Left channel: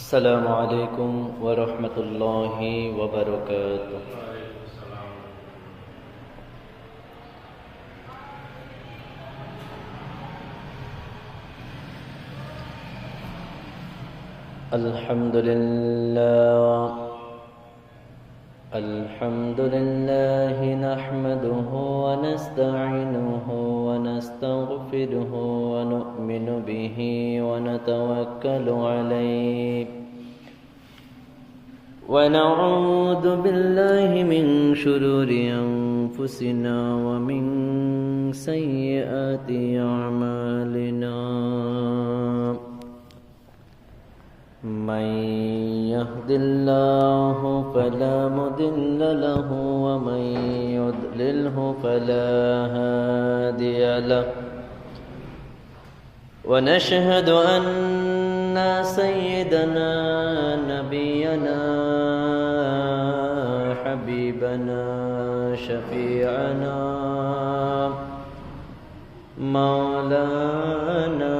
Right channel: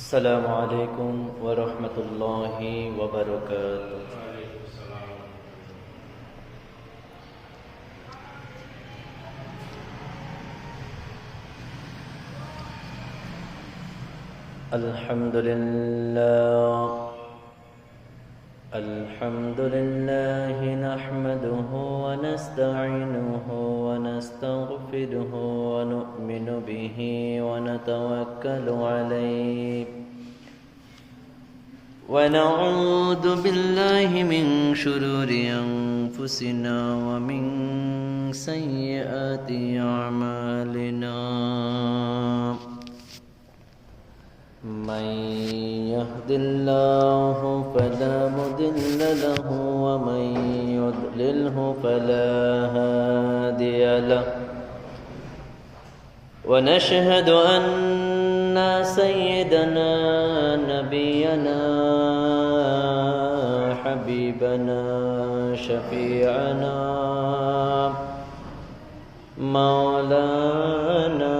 السلام عليكم ورحمة الله وبركاته. الحمد لله نحمده ونستعينه ونستغفره ونؤمن به ونتوكل عليه ونعوذ بالله من شرور أنفسنا ومن سيئات أعمالنا. من يهد الله فلا مضل له ومن يضلله فلا هادي له. ونشهد أن سيدنا نبينا حبيبنا شفيعنا مولانا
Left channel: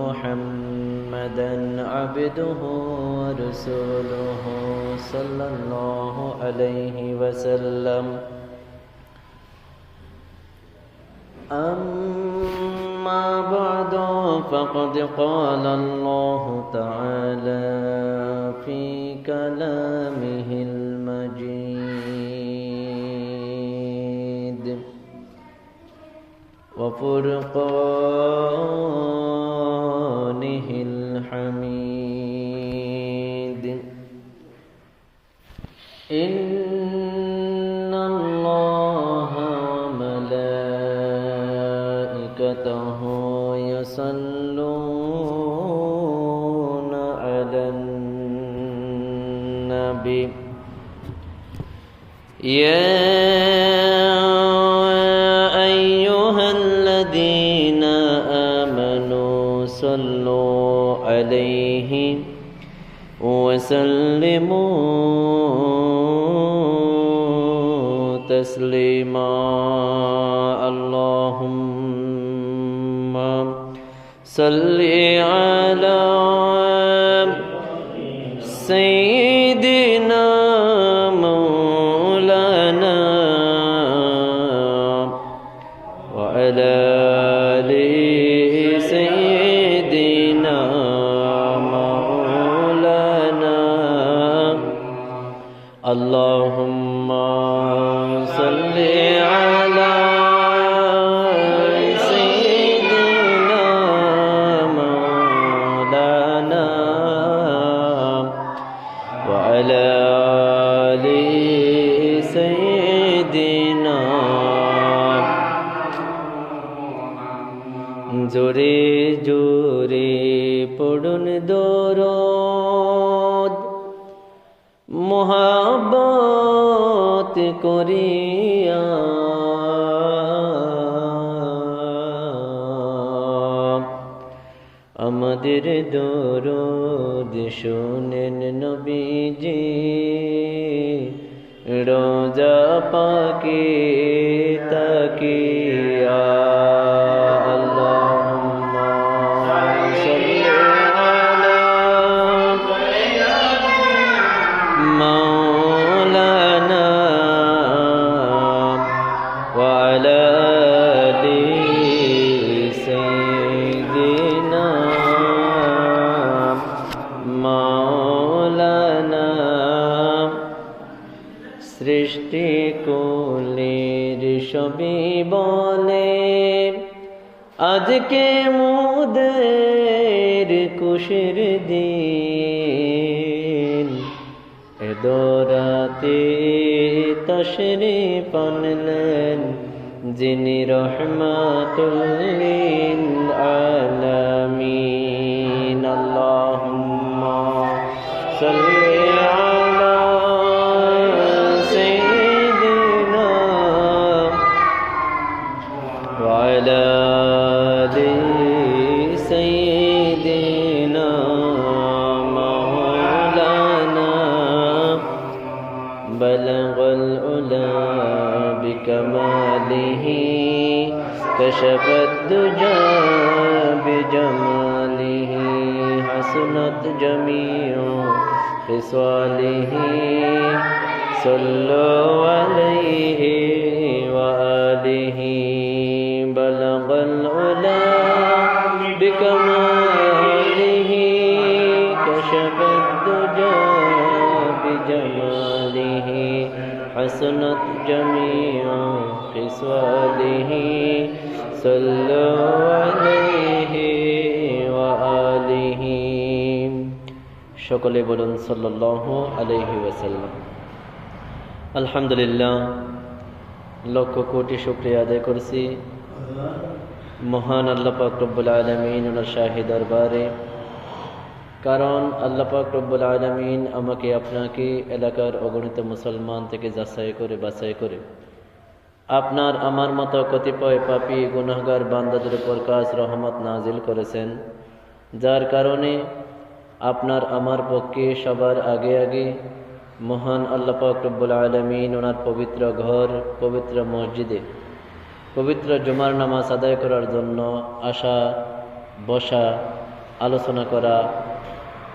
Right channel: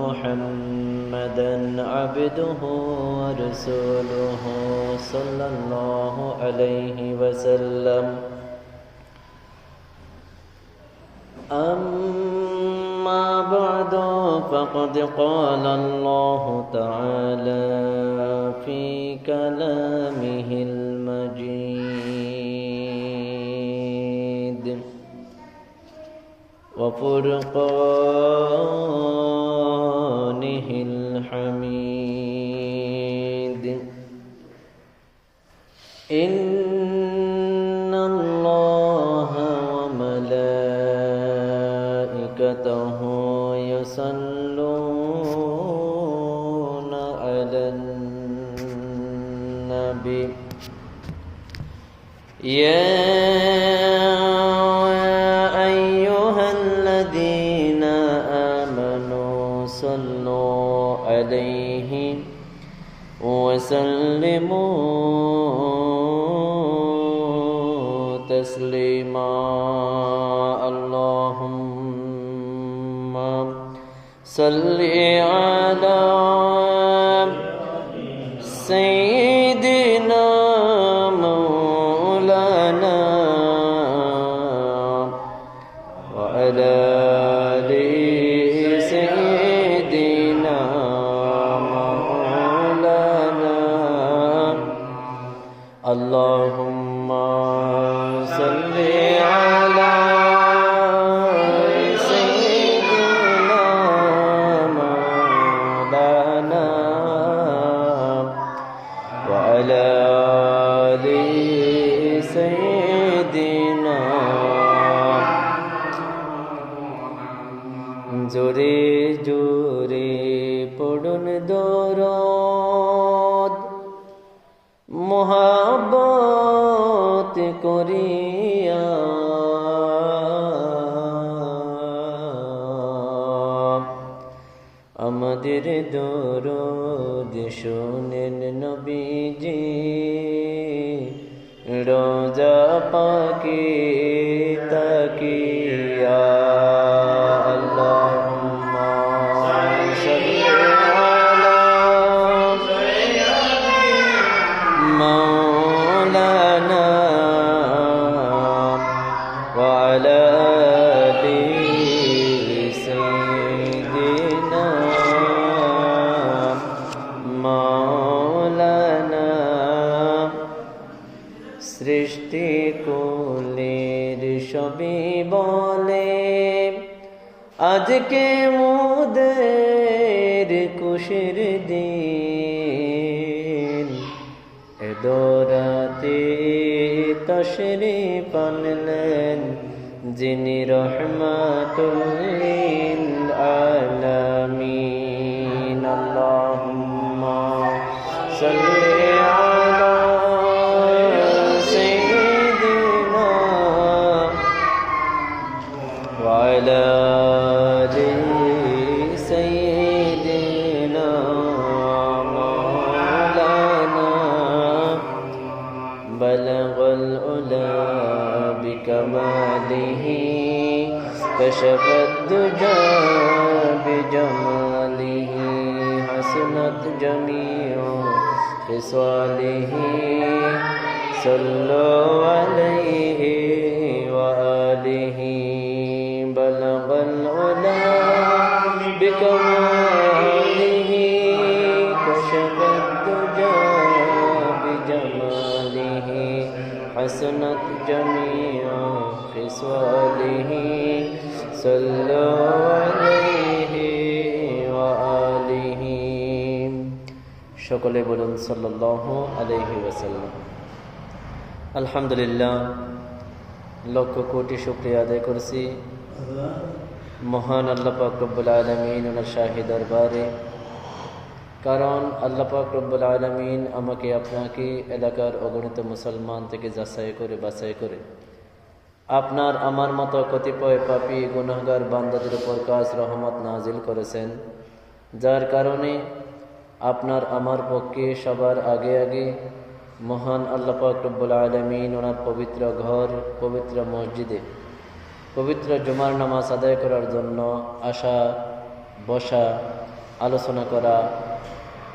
محمدا عبده ورسوله صلى الله عليه وسلم. أما بعد فقد قال الله تعالى في كلامه المجيد وفرقانه الحميد. إن الله وملائكته يصلون على النبي يا أيها الذين آمنوا صلوا عليه وسلموا تسليما. اللهم صل على سيدنا مولانا وعلى آل سيدنا مولانا. اللهم صل على سيدنا مولانا وعلى آل سيدنا. জোরে জোরে পড়ুন দরুদ মোহাব্বত করিয়া। আমাদের দরুদ শুনেন নবীজি রোজা পাকে তাকিয়া। مولانا وعلى آل سيدنا مولانا. সৃষ্টি কুলের সবই বলে আজকে মোদের খুশির দিন। দোরাতে তশরিফ আনলেন যিনি রহমাতুল লিল আলামিন। আল্লাহুম্মা সাল্লি আলা সাইয়্যিদিনা ওয়া আলা আলি সাইয়্যিদিনা بلغ العلا بكماله كشف الدجى بجماله حسنت جميع خصاله صلوا عليه وآله بلغ العلا بكماله كشف الدجى بجماله حسنت جميع خصاله صلوا عليه وآله সকলে বলুন সাল্লাল্লাহু আলাইহি ওয়াসাল্লাম। আলহামদুলিল্লাহ, লক্ষ কোটি শুকরিয়া আদায় করছি মহান আল্লাহ পাক রব্বুল আলামিন ওনার শাহী দরবারে। কারণ আল্লাহ পাক রব্বুল আলামিন আমাকে আপনাকে এলাকার অগণিত মুসলমান থেকে যাচাই করে বাছাই করে আপনার আমার মতো কতিপয় পাপী গুনাহগার বান্দাদের উপর কাজ রহমত নাজিল করেছেন, যার কারণে আপনার আমার পক্ষে সবার আগে আগে মহান আল্লাহ পাক রব্বুল আলামিন ওনার পবিত্র ঘর, পবিত্র মসজিদে পবিত্র জুমার নামাজ আদায় করার জন্য আসা, বসা, আলোচনা করা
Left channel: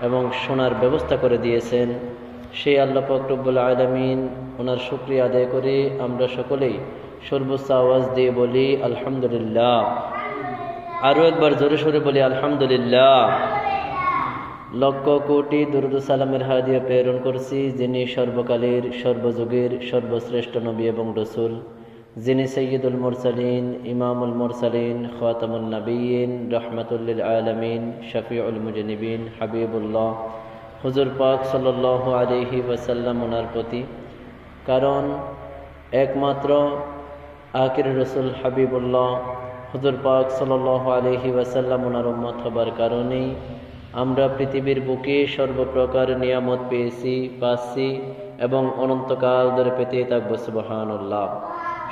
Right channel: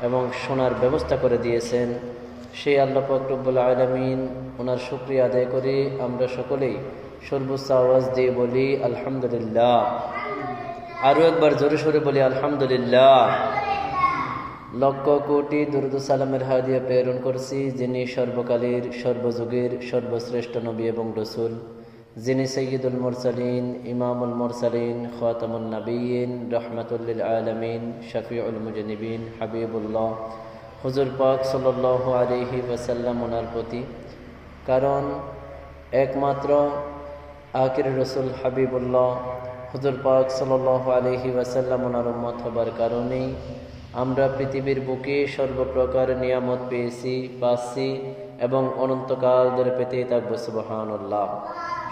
এবং শোনার ব্যবস্থা করে দিয়েছেন। সেই আল্লাহ পাক রব্বুল আলামিন ওনার শুকরিয়া আদায় করে আমরা সকলেই সর্বোচ্চ আওয়াজ দিয়ে বলি আলহামদুলিল্লাহ। আরও একবার জোরে সোরে বলি আলহামদুলিল্লাহ। লক্ষ কোটি দুরূদ ও সালামের হাদিয়া প্রেরণ করছি যিনি সর্বকালের সর্বযুগের সর্বশ্রেষ্ঠ নবী এবং রসুল, যিনি সৈয়দুল মুরসালিন, ইমামুল মুরসালিন, খাতামুন নবিয়্যিন, রাহমাতুল লিল আলামিন, শফিউল মুজনিবিন, হাবিবুল্লাহ হুজুর পাক সাল্লাল্লাহু আলাইহি ওয়াসাল্লাম ওনার প্রতি। কারণ একমাত্র আখির রসুল হাবিবুল্লাহ হুজুর পাক সাল্লাল্লাহু আলাইহি ওয়াসাল্লাম ওনার উম্মত হবার কারণেই আমরা পৃথিবীর বুকে সর্বপ্রকার নিয়ামত পেয়েছি, পাচ্ছি এবং অনন্তকাল ধরে পেতেই থাকবো। সুবহানাল্লাহ।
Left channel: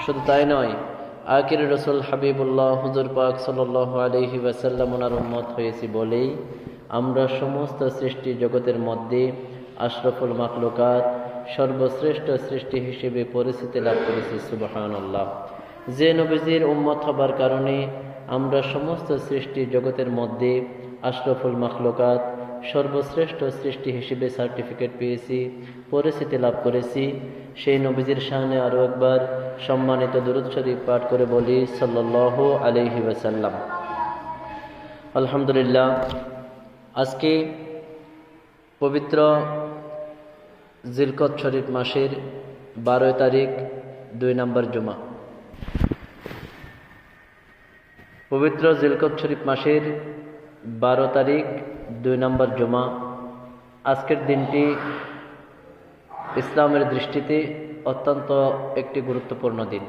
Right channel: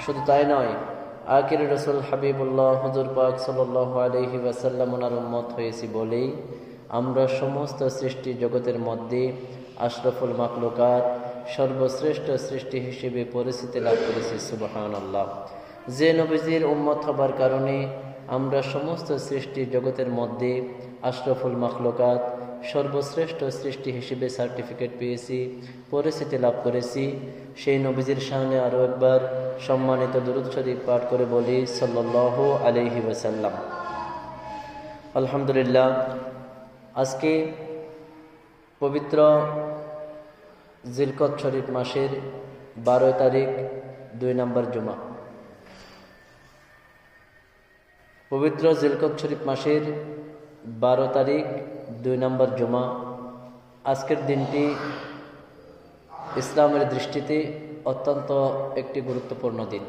শুধু তাই নয়, আখির রসুল হাবিবুল্লাহ হুজুর পাক সাল্লাল্লাহু আলাইহি ওয়াসাল্লাম ওনার উম্মত হয়েছি বলেই আমরা সমস্ত সৃষ্টি জগতের মধ্যে আশরাফুল মাখলুকাত, সর্বশ্রেষ্ঠ সৃষ্টি হিসেবে পরিচিতি লাভ করেছি। সুবহানাল্লাহ। যে নবীজির উম্মত হবার কারণে আমরা সমস্ত সৃষ্টি জগতের মধ্যে আশরাফুল মাখলুকাত, সর্বশ্রেষ্ঠ সৃষ্টি হিসেবে সার্টিফিকেট পেয়েছি, পরিচিতি লাভ করেছি। সেই নবীজির সামনে আরও একবার সম্মানিত দুরূদ শরীফ পাঠ করে বলি সাল্লাল্লাহু আলাইহি ওয়াসাল্লাম। আলহামদুলিল্লাহ, আজকে পবিত্র জিলকদ শরীফ মাসের 12 তারিখ 2 নম্বর জুমা। পবিত্র জিলকদ শরীফ মাসের 12 তারিখ 2 নম্বর জুমা। আজকের দিনটি ইসলামের দৃষ্টিতে অত্যন্ত একটি গুরুত্বপূর্ণ দিন।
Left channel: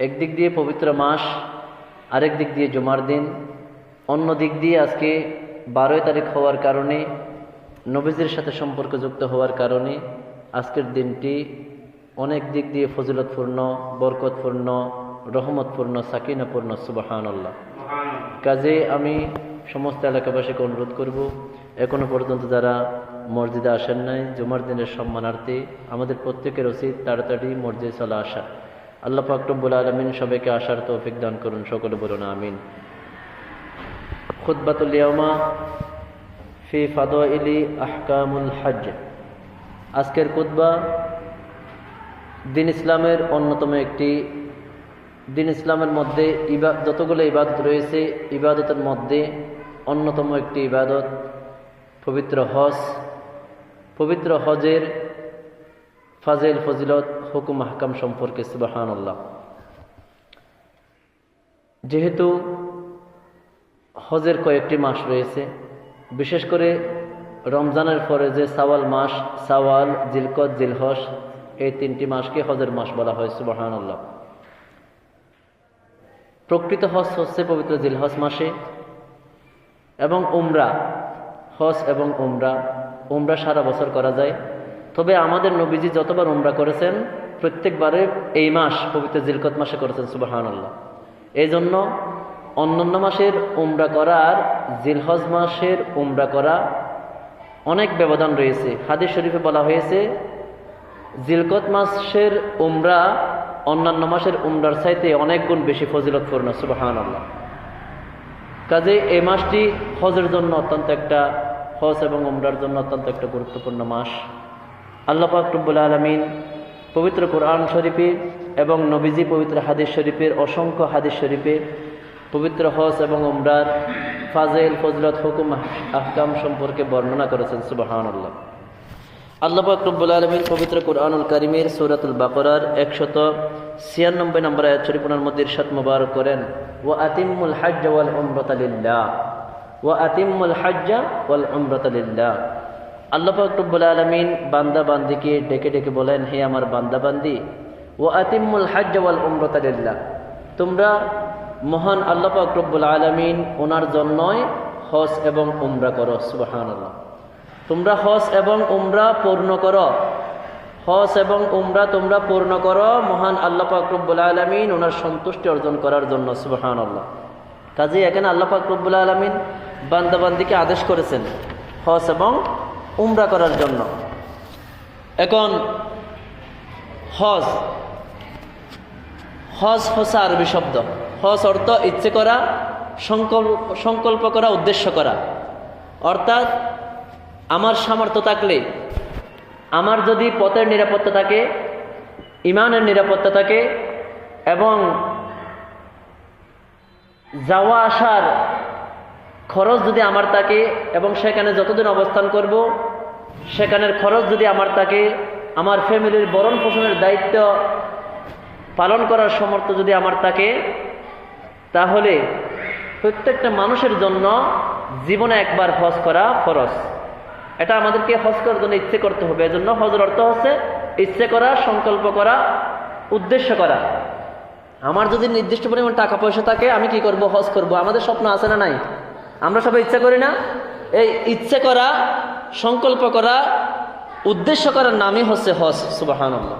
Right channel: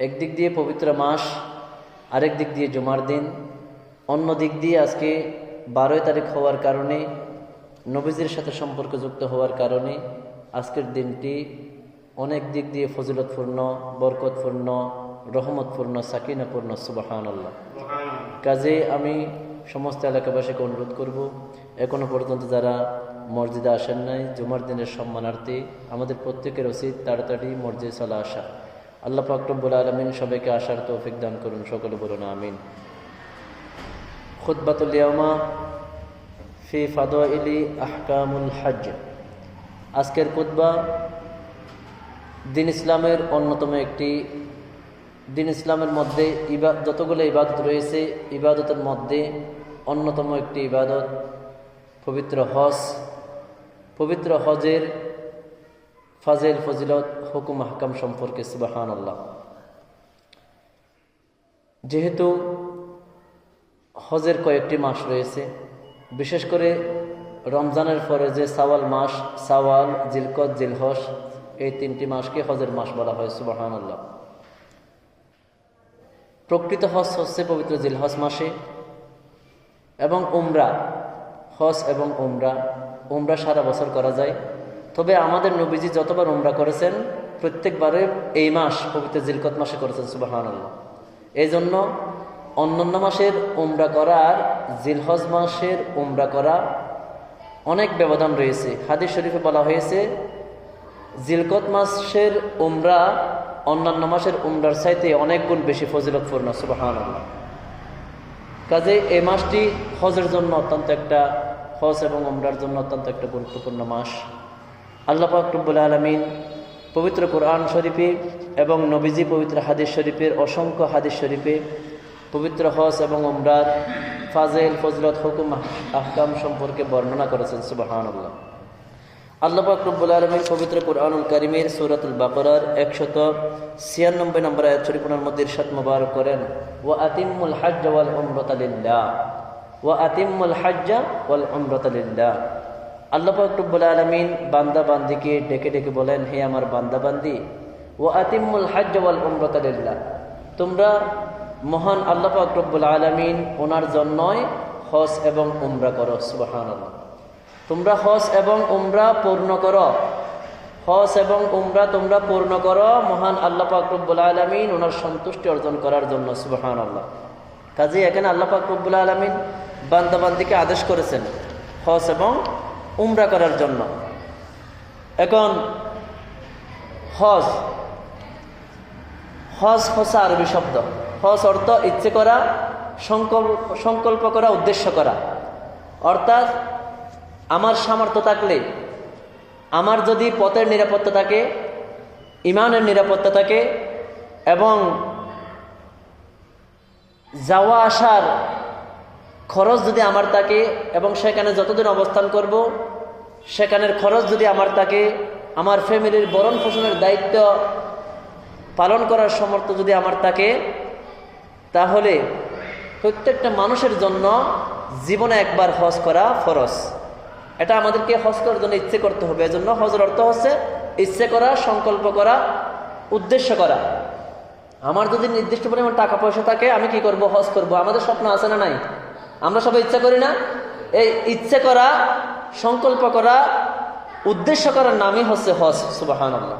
একদিক দিয়ে পবিত্র মাস, আরেক দিক দিয়ে জুমার দিন। অন্য দিক দিয়ে আজকে 12 তারিখ হওয়ার কারণে, নবীজির সাথে সম্পর্কযুক্ত হওয়ার কারণে আজকের দিনটি অনেক দিক দিয়ে ফজিলতপূর্ণ, বরকতপূর্ণ, রহমতপূর্ণ, সাকিনাপূর্ণ। সুবহানাল্লাহ। কাজে আমি সমস্ত এলাকাবাসীকে অনুরোধ করব, এখনো পর্যন্ত যারা মসজিদে আসেন নাই, জুমার দিনের সম্মানার্থে আমাদের প্রত্যেকের উচিত তাড়াতাড়ি মসজিদে চলে আসা। আল্লাহ পাক রব্বুল আলামিন সবাইকে আসার তৌফিক দান করুন। সকলে বলুন আমিন। খুতবাতুল ইয়াউমা ফি ফাদাইলি আহকামুল হজ। আজকের খুতবা দিন ইসলামের অন্যতম একটি, দিন ইসলামের মধ্যে যতগুলো ইবাদত রয়েছে, ইবাদতের মধ্যে অন্যতম একটি ইবাদত পবিত্র হজ। পবিত্র হজের ফাজিল, ফজিলত, হুকুম, আহকাম সম্পর্কে। সুবহানাল্লাহ। যেহেতু হজের কয়েকটি মাস রয়েছে, বিশেষ করে রমজানের পরে যে শাওয়াল মাস, শাওয়াল, জিলকদ, জিলহজ, এই 3টি মাসকে হজের মাস বলা হয়। সুবহানাল্লাহ। প্রকৃত হজ হচ্ছে পবিত্র জিলহজ মাসে, এবং উমরা, হজ এবং উমরা সারা বছর করা যায়। তবে আমাদের নবীজি যতবার উমরা করেছেন প্রত্যেকবারে এই মাস পবিত্র জিলকদ মাসে করেছেন। সুবহানাল্লাহ। এই জন্য অন্যান্য মাসের উমরা করা আর জিলহজ মাসের উমরা করা অনেক ব্যবধান রয়েছে। হাদিস শরীফে বলা হয়েছে জিলকদ মাসের উমরা অন্যান্য মাসের উমরার চাইতে অনেক গুণ বেশি ফজিলতপূর্ণ। সুবহানাল্লাহ। কাজে এই মাসটি হজের জন্য অত্যন্ত একটা হজ এবং উমরার জন্য অত্যন্ত একটা গুরুত্বপূর্ণ মাস। আল্লাহ পাক রব্বুল আলামিন পবিত্র কোরআন শরীফে এবং নবীজি পবিত্র হাদিস শরীফের অসংখ্য হাদিস শরীফে পবিত্র হজ এবং উমরার ফাজেল, ফজলত, হুকুম, আহকাম সম্পর্কে বর্ণনা করেছেন। সুবহানাল্লাহ। আল্লাহ পাক রব্বুল আলামিন পবিত্র কোরআনুল কারীমের সূরাতুল বাকারার 196 নম্বর আয়াত শরীফের মধ্যে ইরশাদ মুবারক করেন, ওয়া আতিম্মুল হজ্জ ওয়াল উমরাতা লিল্লাহ, ওয়া আতিম্মুল হজ্জ ওয়াল উমরাতা লিল্লাহ। আল্লাহ পাক রব্বুল আলামিন বান্দা বান্দিকে ডেকে ডেকে বলেন, হে আমার বান্দা বান্দি, ওয়া আতিম্মুল হজ্জ ওয়াল উমরাতা লিল্লাহ, তোমরা মহান আল্লাহ পাক রব্বুল আলামিন ওনার জন্যই হজ এবং উমরা করো। সুবহানাল্লাহ। তোমরা হজ এবং উমরা পূর্ণ করো, হজ এবং উমরা তোমরা পূর্ণ করো মহান আল্লাহ পাক রব্বুল আলামিন ওনার সন্তুষ্টি অর্জন করার জন্য। সুবহানাল্লাহ। কাজেই এখানে আল্লাহ পাক রব্বুল আলামিন বান্দা বান্দিকে আদেশ করেছেন হজ এবং উমরা করার জন্য। এখন হজ, হজ হচ্ছে আরবি শব্দ। হজ অর্থ ইচ্ছে করা, সংকল্প করা, উদ্দেশ্য করা। অর্থাৎ আমার সামর্থ্য থাকলে, আমার যদি পথের নিরাপত্তা থাকে, ইমানের নিরাপত্তা থাকে এবং যাওয়া আসার খরচ যদি আমার থাকে এবং সেখানে যতদিন অবস্থান করব সেখানের খরচ যদি আমার থাকে, আমার ফ্যামিলির ভরণ পোষণের দায়িত্ব পালন করার সামর্থ্য যদি আমার থাকে, তাহলে প্রত্যেকটা মানুষের জন্য জীবনে একবার হজ করা ফরজ। এটা আমাদেরকে হজ করার জন্য ইচ্ছে করতে হবে। এজন্য হজের অর্থ হচ্ছে ইচ্ছে করা, সংকল্প করা, উদ্দেশ্য করা। আমার যদি নির্দিষ্ট পরিমাণ টাকা পয়সা থাকে, আমি কি করব? হজ করব। আমাদের স্বপ্ন আছে না নাই? আমরা সবাই ইচ্ছা করি না? এই ইচ্ছে করা, সংকল্প করা, উদ্দেশ্য করার নামই হচ্ছে হজ। সুবহানাল্লাহ।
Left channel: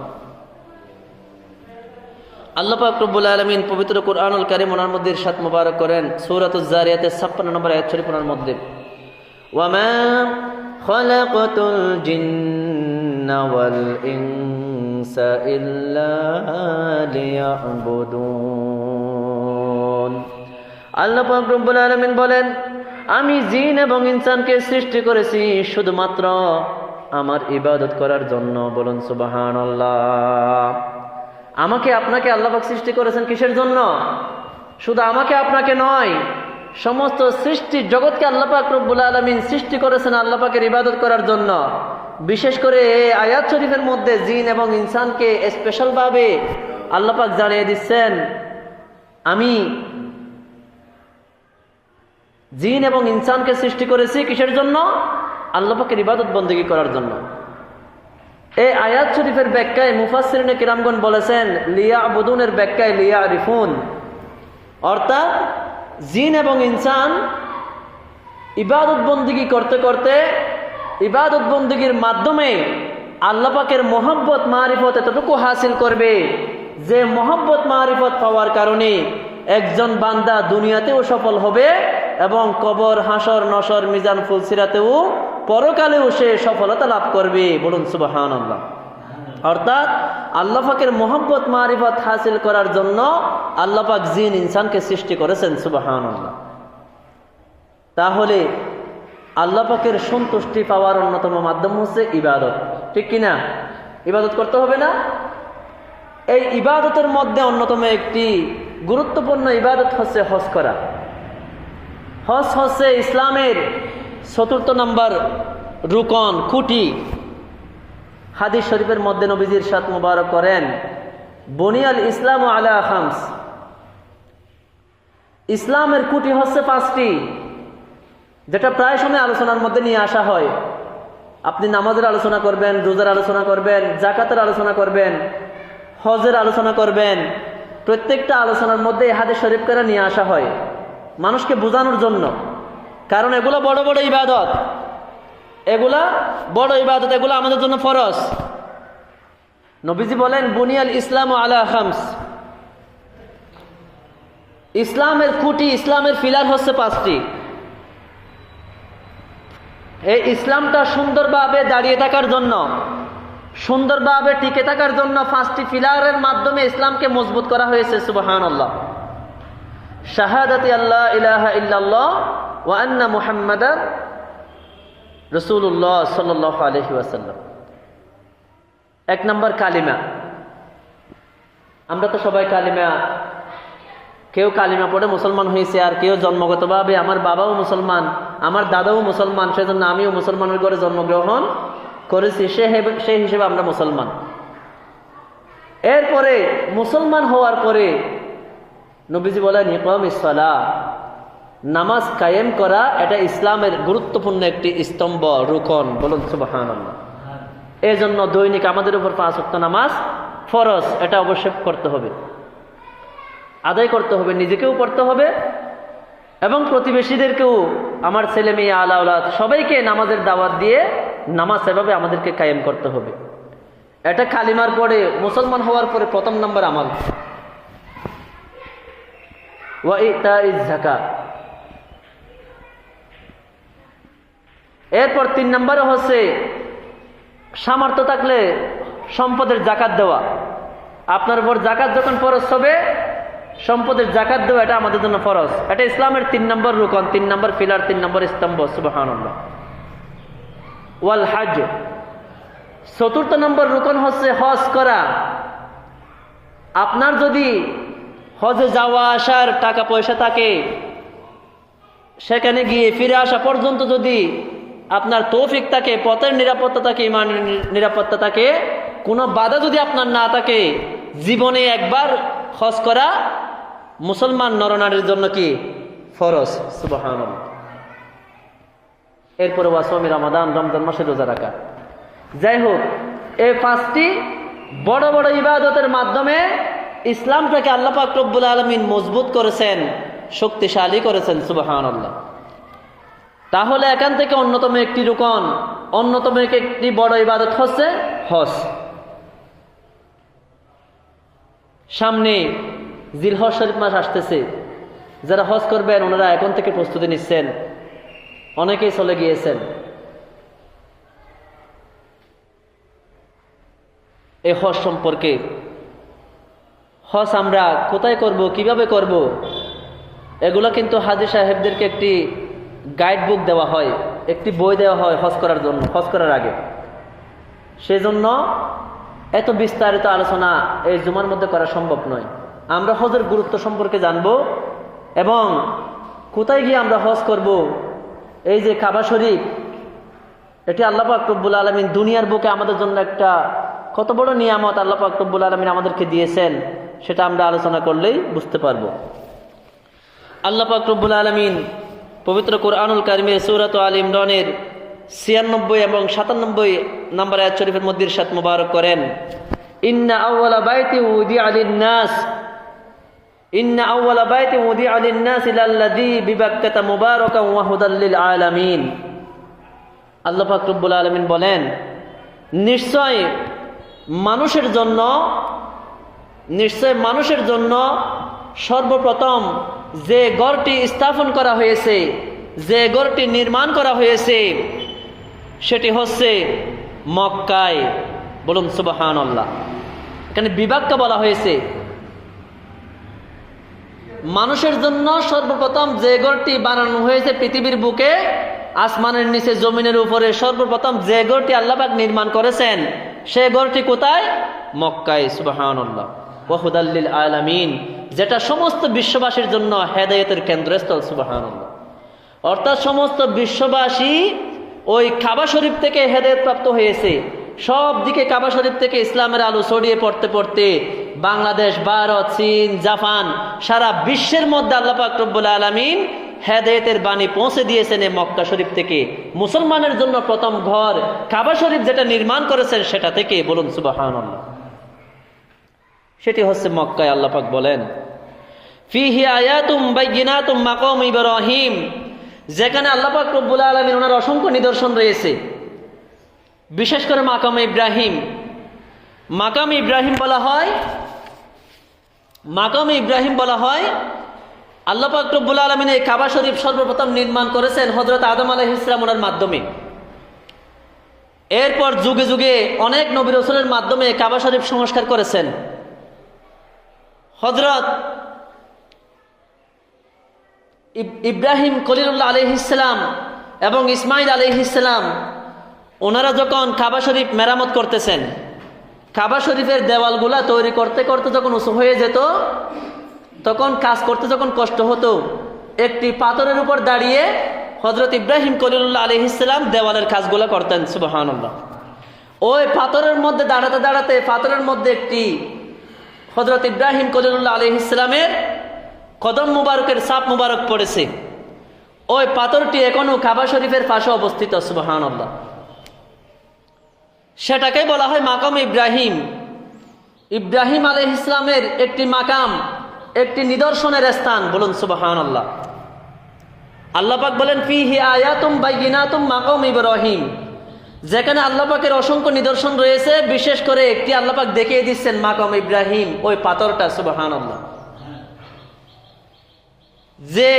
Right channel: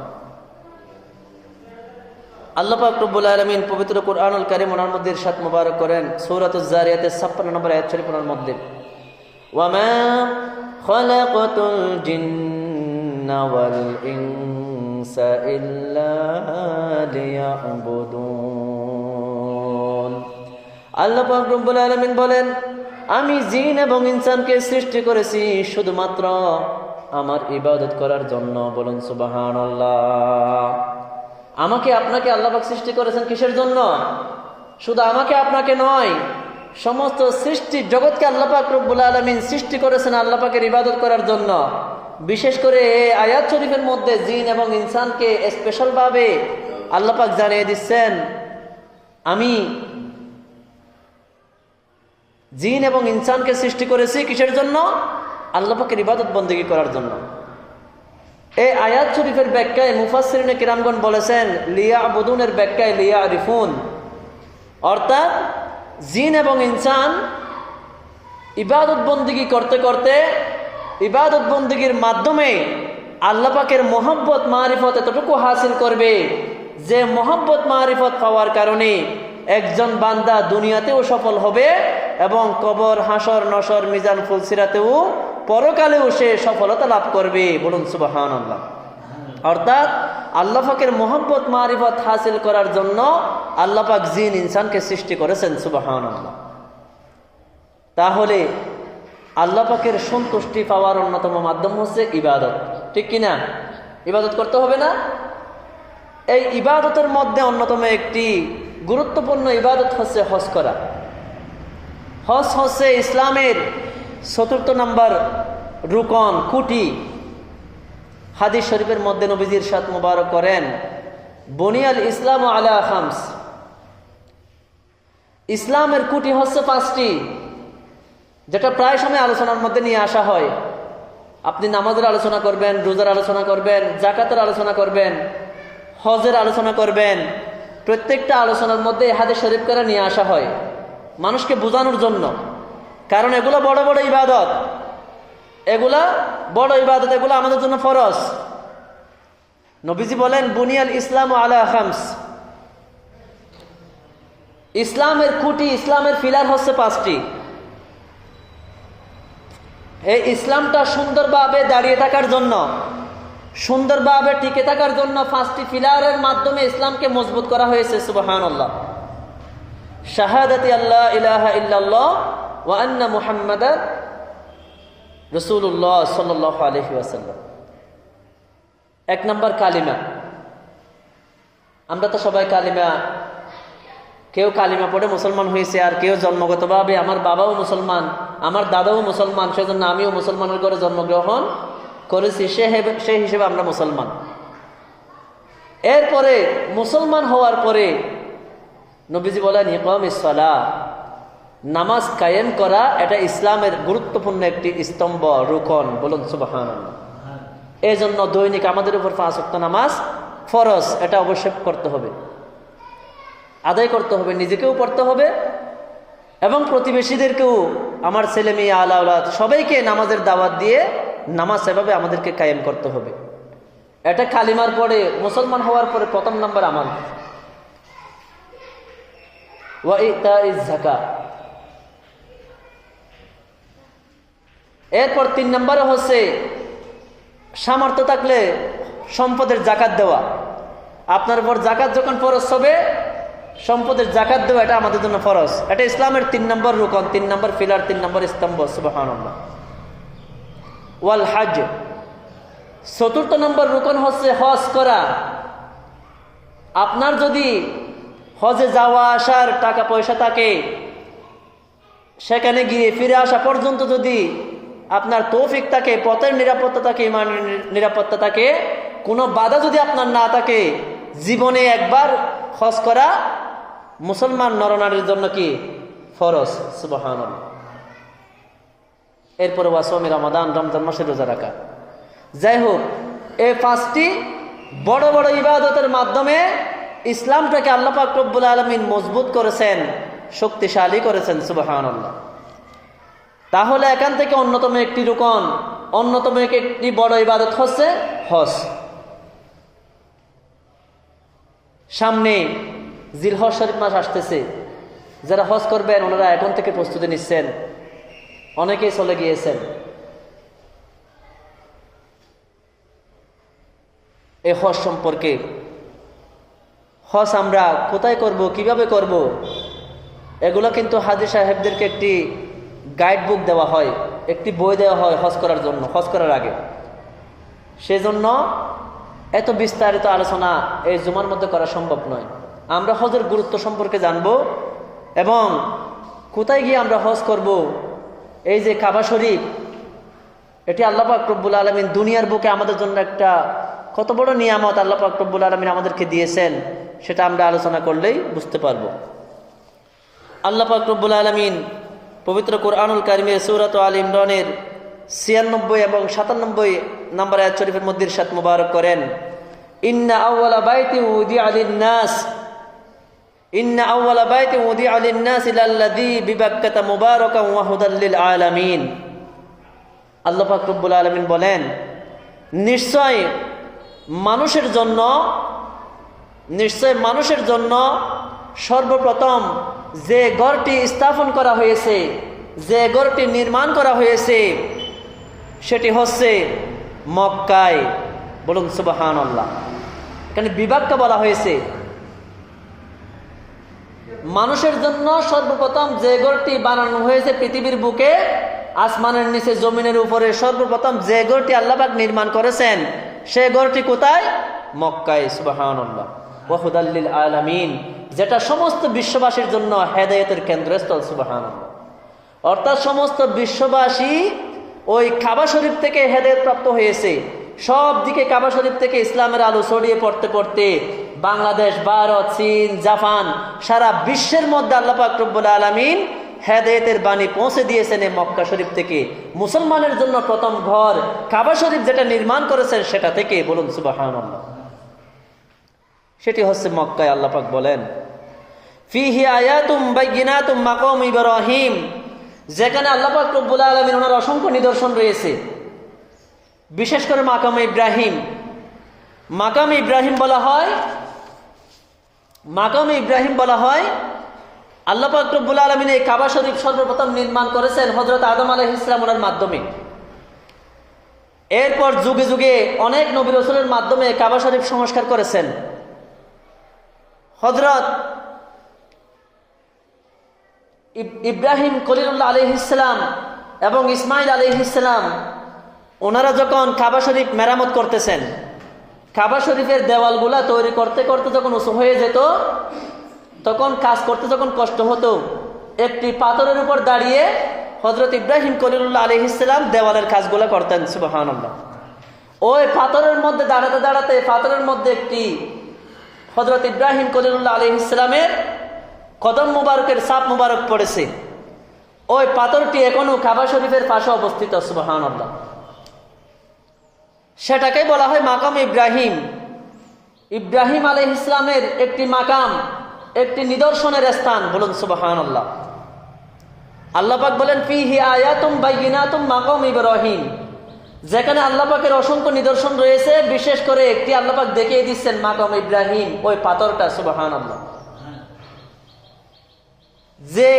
আল্লাহ পাক রব্বুল আলামিন পবিত্র কোরআনুল কারীম ওনার মধ্যে ইরশাদ মুবারক করেন সূরাতুজ জারিয়াতের 56 নম্বর আয়াত শরীফের মধ্যে, ওয়ামা খালাকাতুল জিন্না ওয়াল ইনসা ইল্লা লিয়াবুদুন। আল্লাহ পাক রব্বুল আলামিন বলেন, আমি জিন এবং ইনসানকে সৃষ্টি করেছি শুধুমাত্র আমার ইবাদত করার জন্য। বলুন সুবহানাল্লাহ। আমাকে আপনাকে আল্লাহ পাক সৃষ্টি করেছেন কিসের জন্য? শুধু আমাকে আপনাকে নয়, সমস্ত সৃষ্টি জগৎকে আল্লাহ পাক রব্বুল আলামিন সৃষ্টি করেছেন আল্লাহ পাকের ইবাদত করার জন্য। বিশেষ করে এই আয়াত শরীফের মধ্যে জিন এবং ইনসানকে স্পেশাল ভাবে আল্লাহ পাক জানিয়ে দিচ্ছেন, আমি জিন এবং ইনসানকে সৃষ্টি করেছি কিসের জন্য? আল্লাহ পাকের ইবাদত বন্দেগী করার জন্য। এই আয়াত শরীফের ব্যাখ্যায় মুফাসসিরিনে কিরামগণ বলেছেন, লিয়াবুদুনের ব্যাখ্যায় লিয়ারিফুন, অর্থাৎ জিন এবং ইনসান ইবাদত বন্দেগী করতে করতে, ইবাদত বন্দেগীর মাধ্যমে আল্লাহ পাকের মহব্বত মারিফত এতটুকু হাসিল করবে যে মহব্বত মারিফত পাওয়ার কারণে একজন বান্দা দুনিয়াতেও সফল হবে এবং কবর, হাসর, নসর, মিজান, ফুলসিরাতেও পরকালেও সে সফলতা লাভ করবে। বলুন সুবহানাল্লাহ। অর্থাৎ আল্লাহ পাকের মহব্বত মারিফত হাসিল করার জন্য আল্লাহ পাক জিন ইনসানকে সৃষ্টি করেছেন। সুবহানাল্লাহ। তাহলে আল্লাহ পাকের সন্তুষ্টি পাওয়ার অন্যতম মাধ্যম হচ্ছে ইবাদত, ঠিক কিনা? ইবাদত করতে হবে না? এই ইবাদতের মধ্যে অন্যতম একটি গুরুত্বপূর্ণ ইবাদত হচ্ছে হজ করা। হজ হচ্ছে ইসলামের ৪র্থ নম্বর রুকন, খুঁটি। হাদিস শরীফের মধ্যে নবীজি ইরশাদ মুবারক করেন, বুনিয়াল ইসলামু আলা খামস, ইসলামের খুঁটি হচ্ছে 5টি, যেটা প্রায় সময় আলোচনার মধ্যে নিয়ে আসা হয়। আপনি নামাজের আলোচনা করবেন, রোজার আলোচনা করবেন, যাকাতের আলোচনা করবেন, হজের আলোচনা করবেন, প্রত্যেকটা আলোচনার মধ্যে হাদিস শরীফ করে নিয়ে আসা হয় মানুষকে বোঝানোর জন্য। কারণ এগুলো বড় বড় ইবাদত, এগুলা বড় ইবাদত, এগুলো আমাদের জন্য ফরজ। নবীজি বলেন, বুনিয়াল ইসলামু আলা খামস, ইসলামের খুঁটি, ইসলামের পিলার হচ্ছে 5টি। এই ইসলামটা সুন্দরভাবে দাঁড়িয়ে থাকার জন্য, সুন্দরভাবে টিকে থাকার জন্য 5টি পিলারের মাধ্যমে ইসলামকে মজবুত করা হয়েছে। সুবহানাল্লাহ। শাহাদাতি আল্লাহ ইলাহা ইল্লাল্লাহ ওয়া আন্না মুহাম্মাদান রাসূলুল্লাহ সাল্লাল্লাহু আলাইহি ওয়াসাল্লাম। এক নম্বর কালিমা। আমরা তো সবাই কালিমা, কেউ কালিমা পড়ে মুসলমান হয়েছে, আর কেউ জন্মগতভাবে আমার বাবাও মুসলমান, আমার দাদাও মুসলমান, সেজন্য আমিও মুসলমানের ঘরে জন্মগ্রহণ করেছি, সে হিসেবে আমরা মুসলমান। এরপরে মুসলমান হওয়ার পরে নবীজি বলেন ইকামিস সালাহ, নামাজ কায়েম করা, এটা ইসলামের গুরুত্বপূর্ণ একটি স্তম্ভ, রুকন। বলুন সুবহানাল্লাহ। এই জন্য দৈনিক আমাদের উপর 5 ওয়াক্ত নামাজ ফরজ, এটা অবশ্যই করতে হবে, আদায় করতে হবে, নিজেকেও পড়তে হবে এবং প্রতিবেশীদেরকেও, আমার ছেলে মেয়ে আলাউলাদ সবাইকে নামাজের দাওয়াত দিয়ে নামাজ এভাবে আমাদেরকে কায়েম করতে হবে। এটা কালিমার পরে, মুসলমান হওয়ার পরে প্রথম নম্বর আমল। ওয়া ইতাইজ যাকাত। এরপর 3 নম্বরে হচ্ছে সামর্থ্য থাকলে সম্পদের জাকাত দেওয়া। আপনার উপর জাকাত যখন ফরজ হবে, সম্পদের জাকাত দেওয়া এটা আমাদের জন্য ফরজ। এটা ইসলামের 3 নম্বর রুকন, 3 নম্বর পিলার, 3 নম্বর স্তম্ভ। সুবহানাল্লাহ। ওয়াল হজ। 4র্থ নম্বর রুকন হচ্ছে হজ করা। আপনার যদি হজে যাওয়া আসার টাকা পয়সা থাকে, সেখানে গিয়ে ফিরে আসা পর্যন্ত যদি আপনার তৌফিক থাকে, পথের নিরাপত্তা থাকে, ইমানের নিরাপত্তা থাকে, কোনো বাধা যদি আপনার না থাকে, জীবনে একবার হজ করা মুসলমান নরনারীর জন্য কি ফরজ। সুবহানাল্লাহ। এরপরে ওয়াসওয়ামি রমাদান, রমজান মাসে রোজা রাখা। যাই হোক, এই 5টি বড় বড় ইবাদতের মাধ্যমে ইসলামটাকে আল্লাহ পাক রব্বুল আলামিন মজবুত করেছেন, শক্তিশালী করেছেন। সুবহানাল্লাহ। তাহলে এখান থেকে অন্যতম একটি রুকন, অন্যতম একটি বড় ইবাদত হচ্ছে হজ। সামনে জিলহজ শরীফ মাস আসতেছে, যারা হজ করবেন ওনারা এখন থেকে প্রস্তুতি নিচ্ছেন, অনেকেই চলে গিয়েছেন। এই হজ সম্পর্কে, হজ আমরা কোথায় করব, কিভাবে করব, এগুলো কিন্তু হাজী সাহেবদেরকে একটি গাইড বুক দেওয়া হয়, একটি বই দেওয়া হয় হজ করার জন্য, হজ করার আগে। সেজন্য এত বিস্তারিত আলোচনা এই জুমার মধ্যে করা সম্ভব নয়। আমরা হজের গুরুত্ব সম্পর্কে জানব এবং কোথায় গিয়ে আমরা হজ করব। এই যে কাবা শরীফ, এটি আল্লাহ পাক রব্বুল আলামিন দুনিয়ার বুকে আমাদের জন্য একটা কত বড় নিয়ামত আল্লাহ পাক রব্বুল আলামিন আমাদেরকে দিয়েছেন, সেটা আমরা আলোচনা করলেই বুঝতে পারব। আল্লাহ পাক রব্বুল আলামিন পবিত্র কোরআনুল কারিমে সূরাত আল ইমরানের 96 এবং 97 নম্বর আয়াত শরীফের মধ্যে ইরশাদ মুবারক করেন, ইন্না আউওয়ালা বাইতি উদিআ লিন-নাস, ইন্না আউওয়ালা বাইতি উদিআ লিন-নাস লাল্লাযী বিবাক্কাতা মুবারাকান ওয়া হুদাল লিল আলামিন। আল্লাহ পাক রব্বুল আলামিন বলেন, নিশ্চয় মানুষের জন্য সর্বপ্রথম যে ঘরটি স্থাপন করা হয়েছে, যে ঘরটি নির্মাণ করা হয়েছে, সেটি হচ্ছে মক্কায়। বলুন সুবহানাল্লাহ। এখানে বিভাগটা বলা হয়েছে, মানুষের জন্য সর্বপ্রথম যে ঘরটি বানানো হয়েছে পৃথিবীর বুকে, আসমানের নিচে, জমিনের উপরে, সর্বপ্রথম যে ঘরটি আল্লাহ পাক নির্মাণ করেছেন, সে ঘরটি কোথায়? মক্কায়। সুবহানাল্লাহ। ওয়া হুদাল লিল আলামিন, যেটা সমস্ত বিশ্ববাসীর জন্য হেদায়েতের কেন্দ্রস্থল। সুবহানাল্লাহ। অর্থাৎ সমস্ত বিশ্ববাসী ওই কাবা শরীফ থেকে হেদায়েত প্রাপ্ত হয়েছে। সব দিকে কাবা শরীফ থেকে ইসলামের আলো ছড়িয়ে পড়তে পড়তে বাংলাদেশ, ভারত, চীন, জাপান, সারা বিশ্বের মধ্যে আল্লাহ পাক রব্বুল আলামিন হেদায়েতের বাণী পৌঁছে দিয়েছেন এই মক্কা শরীফ থেকে। মুসলমানের জন্য প্রথম ঘর কাবা শরীফ যেটা নির্মাণ করেছেন সেটা থেকে। বলুন সুবহানাল্লাহ। সেটি হচ্ছে মক্কায়। আল্লাহ পাক বলেন, ফিহি আয়াতুম বাইয়িনাতুম মাকাম ইব্রাহিম, যেখানে আল্লাহ পাক রব্বুল আলামিন ওনার অসংখ্য নিদর্শন রয়েছে, বিশেষ করে মাকাম ইব্রাহিম। মাকাম ইব্রাহিম বলা হয় আল্লাহ পাক রব্বুল আলামিন এই কাবা শরীফ সর্বপ্রথম নির্মাণ করেছেন হযরত আদম আলাইহিস সালামের মাধ্যমে। এরপর যুগে যুগে অনেক নবী রাসূলের মাধ্যমে কাবা শরীফ সংস্কার করেছেন। হযরত ইব্রাহিম খলিলুল্লাহ আলাইহিস সালাম এবং ইসমাইল আলাইহিস সালাম ওনারা যখন কাবা শরীফ মেরামত করতেছেন, কাবা শরীফের দেওয়ালগুলা তৈরি করতে করতে যখন উঁচু হয়ে যেত, তখন কাজ করতে যখন কষ্ট হতো, একটি পাথরের উপর দাঁড়িয়ে হযরত ইব্রাহিম খলিলুল্লাহ আলাইহিস সালাম দেওয়ালের কাজগুলো করতেন। সুবহানাল্লাহ। ওই পাথরের মধ্যে দাঁড়াতে দাঁড়াতে পাথরের মধ্যে একটি হযরত ইব্রাহিম খলিলুল্লাহ আলাইহিস সালামের কদম মুবারকের ছাপ মুবারক পড়েছে। ওই পাথরটি এখনো কাবা শরীফের পাশে অবস্থিত। সুবহানাল্লাহ। সেটাকেই বলা হয় মাকাম ইব্রাহিম। ইব্রাহিম আলাইহিস সালামের একটি মাকাম, একটি নিদর্শনের স্থান। বলুন সুবহানাল্লাহ। আল্লাহ পাক বলেন ফিহি আয়াতুম বাইয়িনাতুম মাকাম ইব্রাহিম, যেখানে আল্লাহ পাকের অসংখ্য নিদর্শন রয়েছে, বিশেষ করে একটি আল্লাহ পাক দেখিয়ে দিচ্ছেন মাকাম ইব্রাহিম, ওই পাথরটা। সুবহানাল্লাহ। যে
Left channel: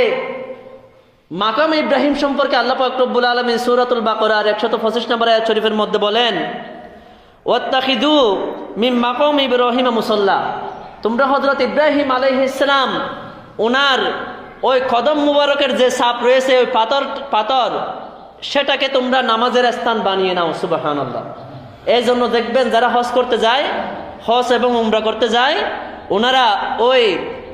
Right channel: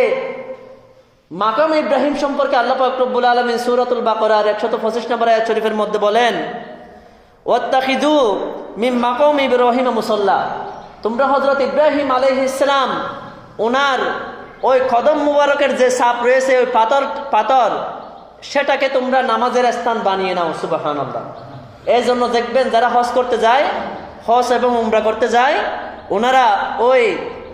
মাকাম ইব্রাহিম সম্পর্কে আল্লাহ পাক রব্বুল আলামিন সূরাতুল বাকারার 125 নম্বর আয়াত শরীফের মধ্যে বলেন ওয়াত্তাখিযু মিন মাকাম ইব্রাহিম মুসাল্লা, তোমরা হযরত ইব্রাহিম আলাইহিস সালাম ওনার ওই কদম মুবারকের যে ছাপ রয়েছে, ওই পাথর সেটাকে তোমরা নামাজের স্থান বানিয়ে নাও। সুবহানাল্লাহ। এই জন্য দেখবেন যারা হজ করতে যায়, হজ এবং উমরা করতে যায়, ওনারা ওই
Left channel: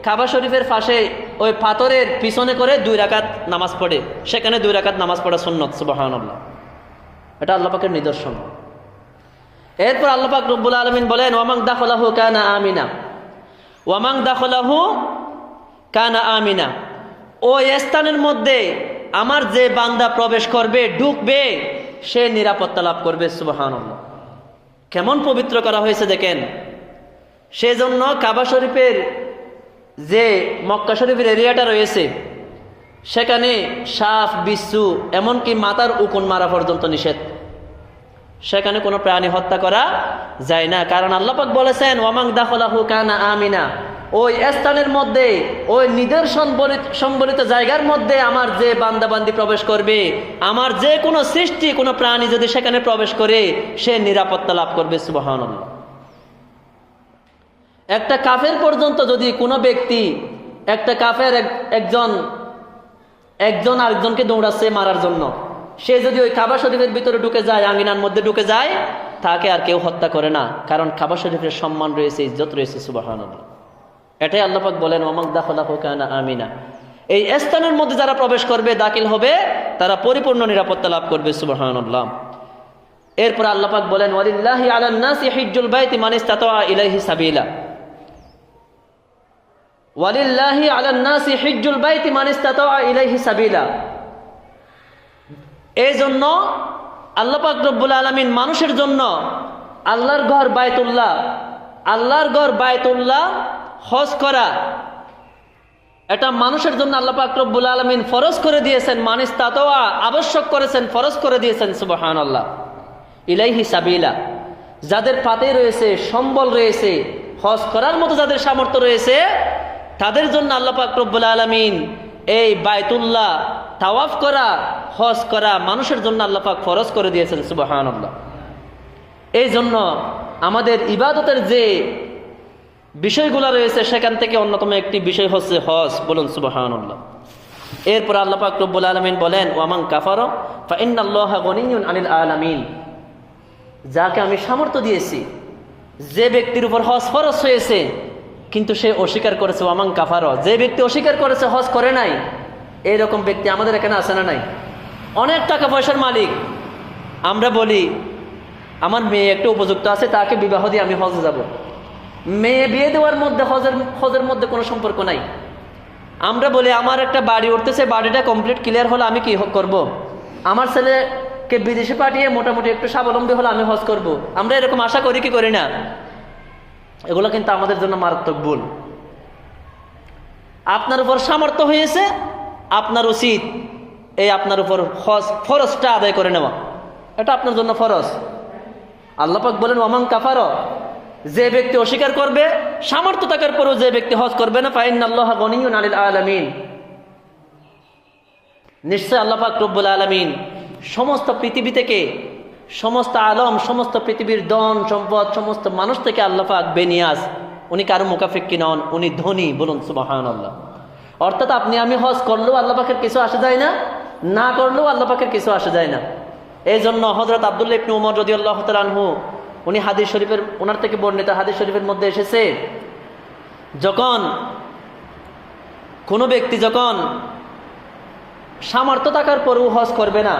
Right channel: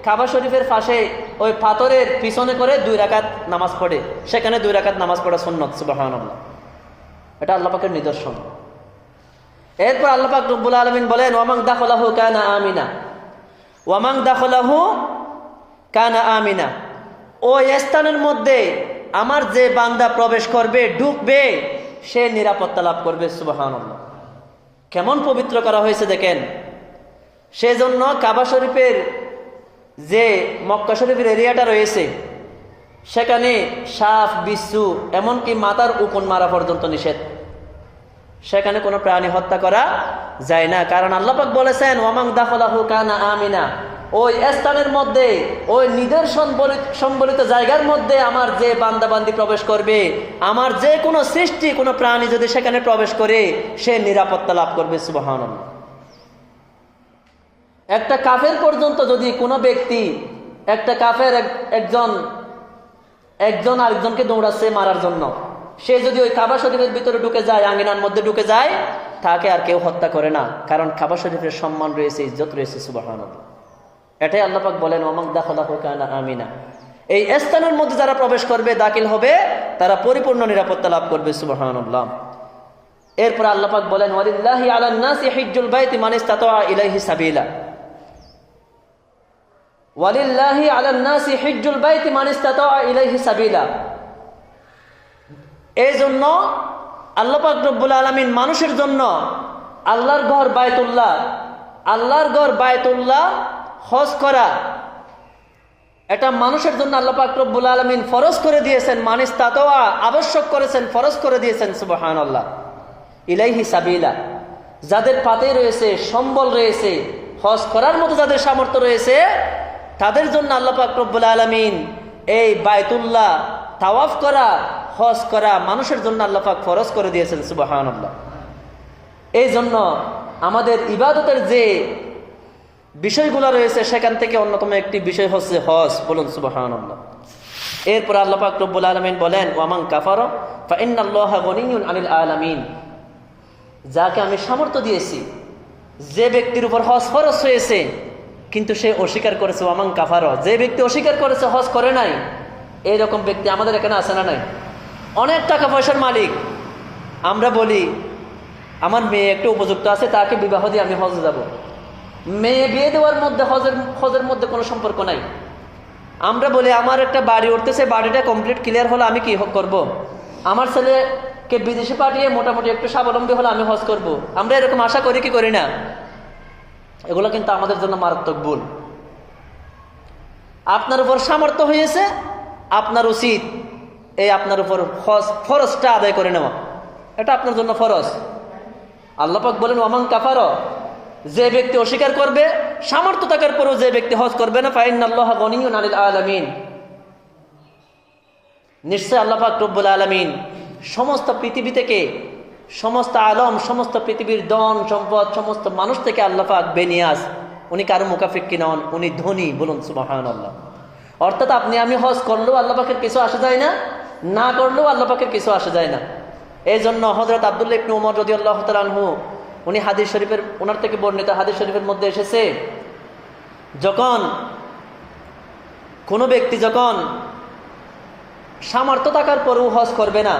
কাবা শরীফের পাশে ওই পাথরের পিছনে করে 2 রাকাত নামাজ পড়ে, সেখানে 2 রাকাত নামাজ পড়া সুন্নত। সুবহানাল্লাহ। এটা আল্লাহ পাকের নিদর্শন। এরপর আল্লাহ পাক রব্বুল আলামিন বলেন ওয়ামান দাখালাহু কানা আমিনা, ওয়ামান দাখালাহু কানা আমিনা, ওই স্থানের মধ্যে আমার যে বান্দা প্রবেশ করবে, ঢুকবে, সে নিরাপত্তা লাভ করবে। সুবহানাল্লাহ। কেমন পবিত্র করা হয়েছে দেখেন। সেজন্য কাবা শরীফের যে মক্কা শরীফের এরিয়াটা রয়েছে, সেখানে সাপ, বিচ্ছু, এমনকি মাথার উকুন মারা পর্যন্ত নিষেধ। সেখানে কোনো প্রাণী হত্যা করা যায় না, কারণ আল্লাহ পাক বলেছেন ওয়ামান দাখালাহু কানা আমিনা, ওই স্থানের মধ্যে, ওই নিদর্শন সম্বলিত জায়গার মধ্যে আমার যে বান্দাবান্দি প্রবেশ করবে, আমার যে কোনো সৃষ্টি, কোনো প্রাণী যদি সেখানে প্রবেশ করে, সে নিরাপত্তা লাভ করবে। সুবহানাল্লাহ। একটা কাফের পর্যন্ত যদি কোনো ব্যক্তি, একটা কাফের একজন আরেকজনকে দৌড়াচ্ছে মারার জন্য, সে যদি ওই কাবা শরীফের ভিতরে ঢুকে যায়, আঙ্গিনার মধ্যে ঢুকে যায়, তাকে আর কেউ হত্যা করে না, কারণ কাবা শরীফের সম্মান রয়েছে, ইজ্জত রয়েছে। সুবহানাল্লাহ। এটাই আল্লাহ পাক বলেন ওয়ামান দাখালাহু কানা আমিনা, এই স্থানের মধ্যে যারা প্রবেশ করবে, দাখিল হবে, তারা পরিপূর্ণ নিরাপত্তা লাভ করবে। সুবহানাল্লাহ। এরপর আল্লাহ পাক বলেন ওয়ালিল্লাহি আলান নাসি হিজ্জুল বাইতি মান ইসতাতা ইলাইহি সাবিলা, ওয়ালিল্লাহি আলান নাসি হিজ্জুল বাইতি মান ইসতাতা ইলাইহি সাবিলা। এই জন্য আল্লাহ পাক রব্বুল আলামিন মানুষের জন্য আল্লাহর ঘর বায়তুল্লাহ হজ করা, এটা মানুষের জন্য আল্লাহ পাক রব্বুল আলামিন ফরজ করে দিয়েছেন, মান ইসতাতা, আবশ্যক করেছেন, ফরজ করে দিয়েছেন। সুবহানাল্লাহ। ইলাইহি সাবিলা, যাদের পাতে রয়েছে, সম্বল রয়েছে, হজ করার মতো যাদের সামর্থ্য রয়েছে, তাদের জন্য আল্লাহ পাক রব্বুল আলামিন এই বায়তুল্লাহ তাওয়াফ করা, হজ করা মানুষের জন্য আল্লাহ পাক ফরজ করে দিয়েছেন। সুবহানাল্লাহ। এই জন্য আমাদের ইবাদতের যে বিষয়গুলো রয়েছে, সেখান থেকে অন্যতম একটি বিষয় হচ্ছে হজ। বলুন সুবহানাল্লাহ। এরপর আল্লাহ পাক রব্বুল আলামিন বলেন ওয়ামান কাফারা ফা ইন্নাল্লাহা গনিয়্যুন আনিল আলামিন, যাকে আমি সামর্থ্য দিয়েছি, যে ব্যক্তির উপর হজ ফরজ হয়েছে কিন্তু সে অস্বীকার করেছে, ওয়ামান কাফারা, যে ব্যক্তি অস্বীকার করেছে, হজ করে নাই, এইরকম ব্যক্তি আমাদের এখানে আছে না নাই? অনেক টাকা পয়সার মালিক, আমরা বলি আমার মেয়ে একটু উপযুক্ত আছে, তাকে বিবাহ দিয়ে আমি হজে যাব। মেয়ে বিয়ে দেওয়ার মধ্যে হজের মধ্যে কোনো সম্পর্ক নাই। আমরা বলি আমার একটা বাড়ি উঠতেছে, বাড়িটা কমপ্লিট ক্লিয়ার হলে আমি কি করব? আমার ছেলেকে বিদেশে পাঠিয়ে মোটামুটি একটু স্বাবলম্বী হলে আমি হজ করব। আমরা এরকম আশা করি কি করি না? এগুলো কিন্তু আমাদের জন্য মারাত্মক ভুল। আপনার উপর সামর্থ্য হয়েছে, আপনার উচিত এই আপনার উপর ফরজটা আদায় করে নেওয়া, এটা আপনার জন্য ফরজ। আল্লাহ পাক বলেন ওয়ামান কাফারা, যে ব্যক্তি অস্বীকার করবে, সামর্থ্য থাকার পরেও যে ব্যক্তি হজ করবে না, ফাইন্নাল্লাহা গনিয়্যুন আনিল আলামিন, নিশ্চয় আল্লাহ পাক রব্বুল আলামিন সমস্ত পৃথিবী থেকে, সমস্ত আলম, সমস্ত পৃথিবীর ধন সম্পদ, সমস্ত মানুষ থেকে আল্লাহ পাক বেনিয়াজ, উনি কারো মুকাফিক্কি নন, উনি ধনী। বলুন সুবহানাল্লাহ। অর্থাৎ আপনি আমি হজ করলেও আল্লাহ পাকের কিছু আসে যায় না, না করলেও আল্লাহ পাকের কিছু আসে যায় না। এই জন্য হযরত আব্দুল্লাহ ইবনে উমর রাদিয়াল্লাহু তাআলা আনহু উনি হাদিস শরীফের ওনার থেকে বর্ণিত হাদিস শরীফের মধ্যে এসেছে, যখন কোনো ব্যক্তি যখন সামর্থ্য থাকার পরেও হজ করবে না,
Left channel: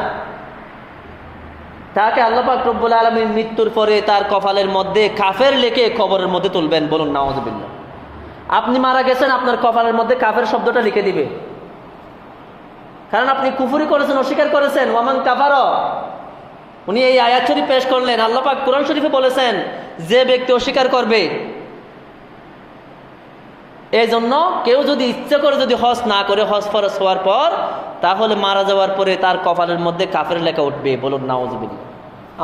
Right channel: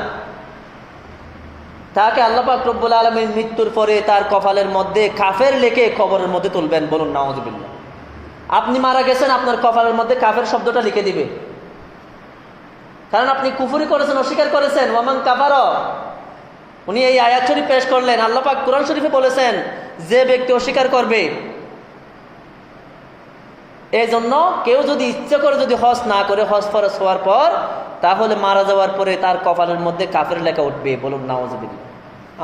তাকে আল্লাহ পাক রব্বুল আলামিন মৃত্যুর পরে তার কপালের মধ্যে কাফের লিখে কবরের মধ্যে তুলবেন। বলুন নাউযুবিল্লাহ। আপনি মারা গেছেন, আপনার কপালের মধ্যে কাফের শব্দটা লিখে দিবে, কারণ আপনি কুফরি করেছেন, অস্বীকার করেছেন। ওয়ামান কাফারা, উনি এই আয়াত শরীফ পেশ করলেন। আল্লাহ পাক কোরআন শরীফে বলেছেন যে ব্যক্তি অস্বীকার করবে। এই জন্য কেউ যদি ইচ্ছে করে যদি হজ না করে, হজ ফরজ হওয়ার পর, তাহলে মারা যাওয়ার পরে তার কপালের মধ্যে কাফের লেখা উঠবে। বলুন নাউযুবিল্লাহ।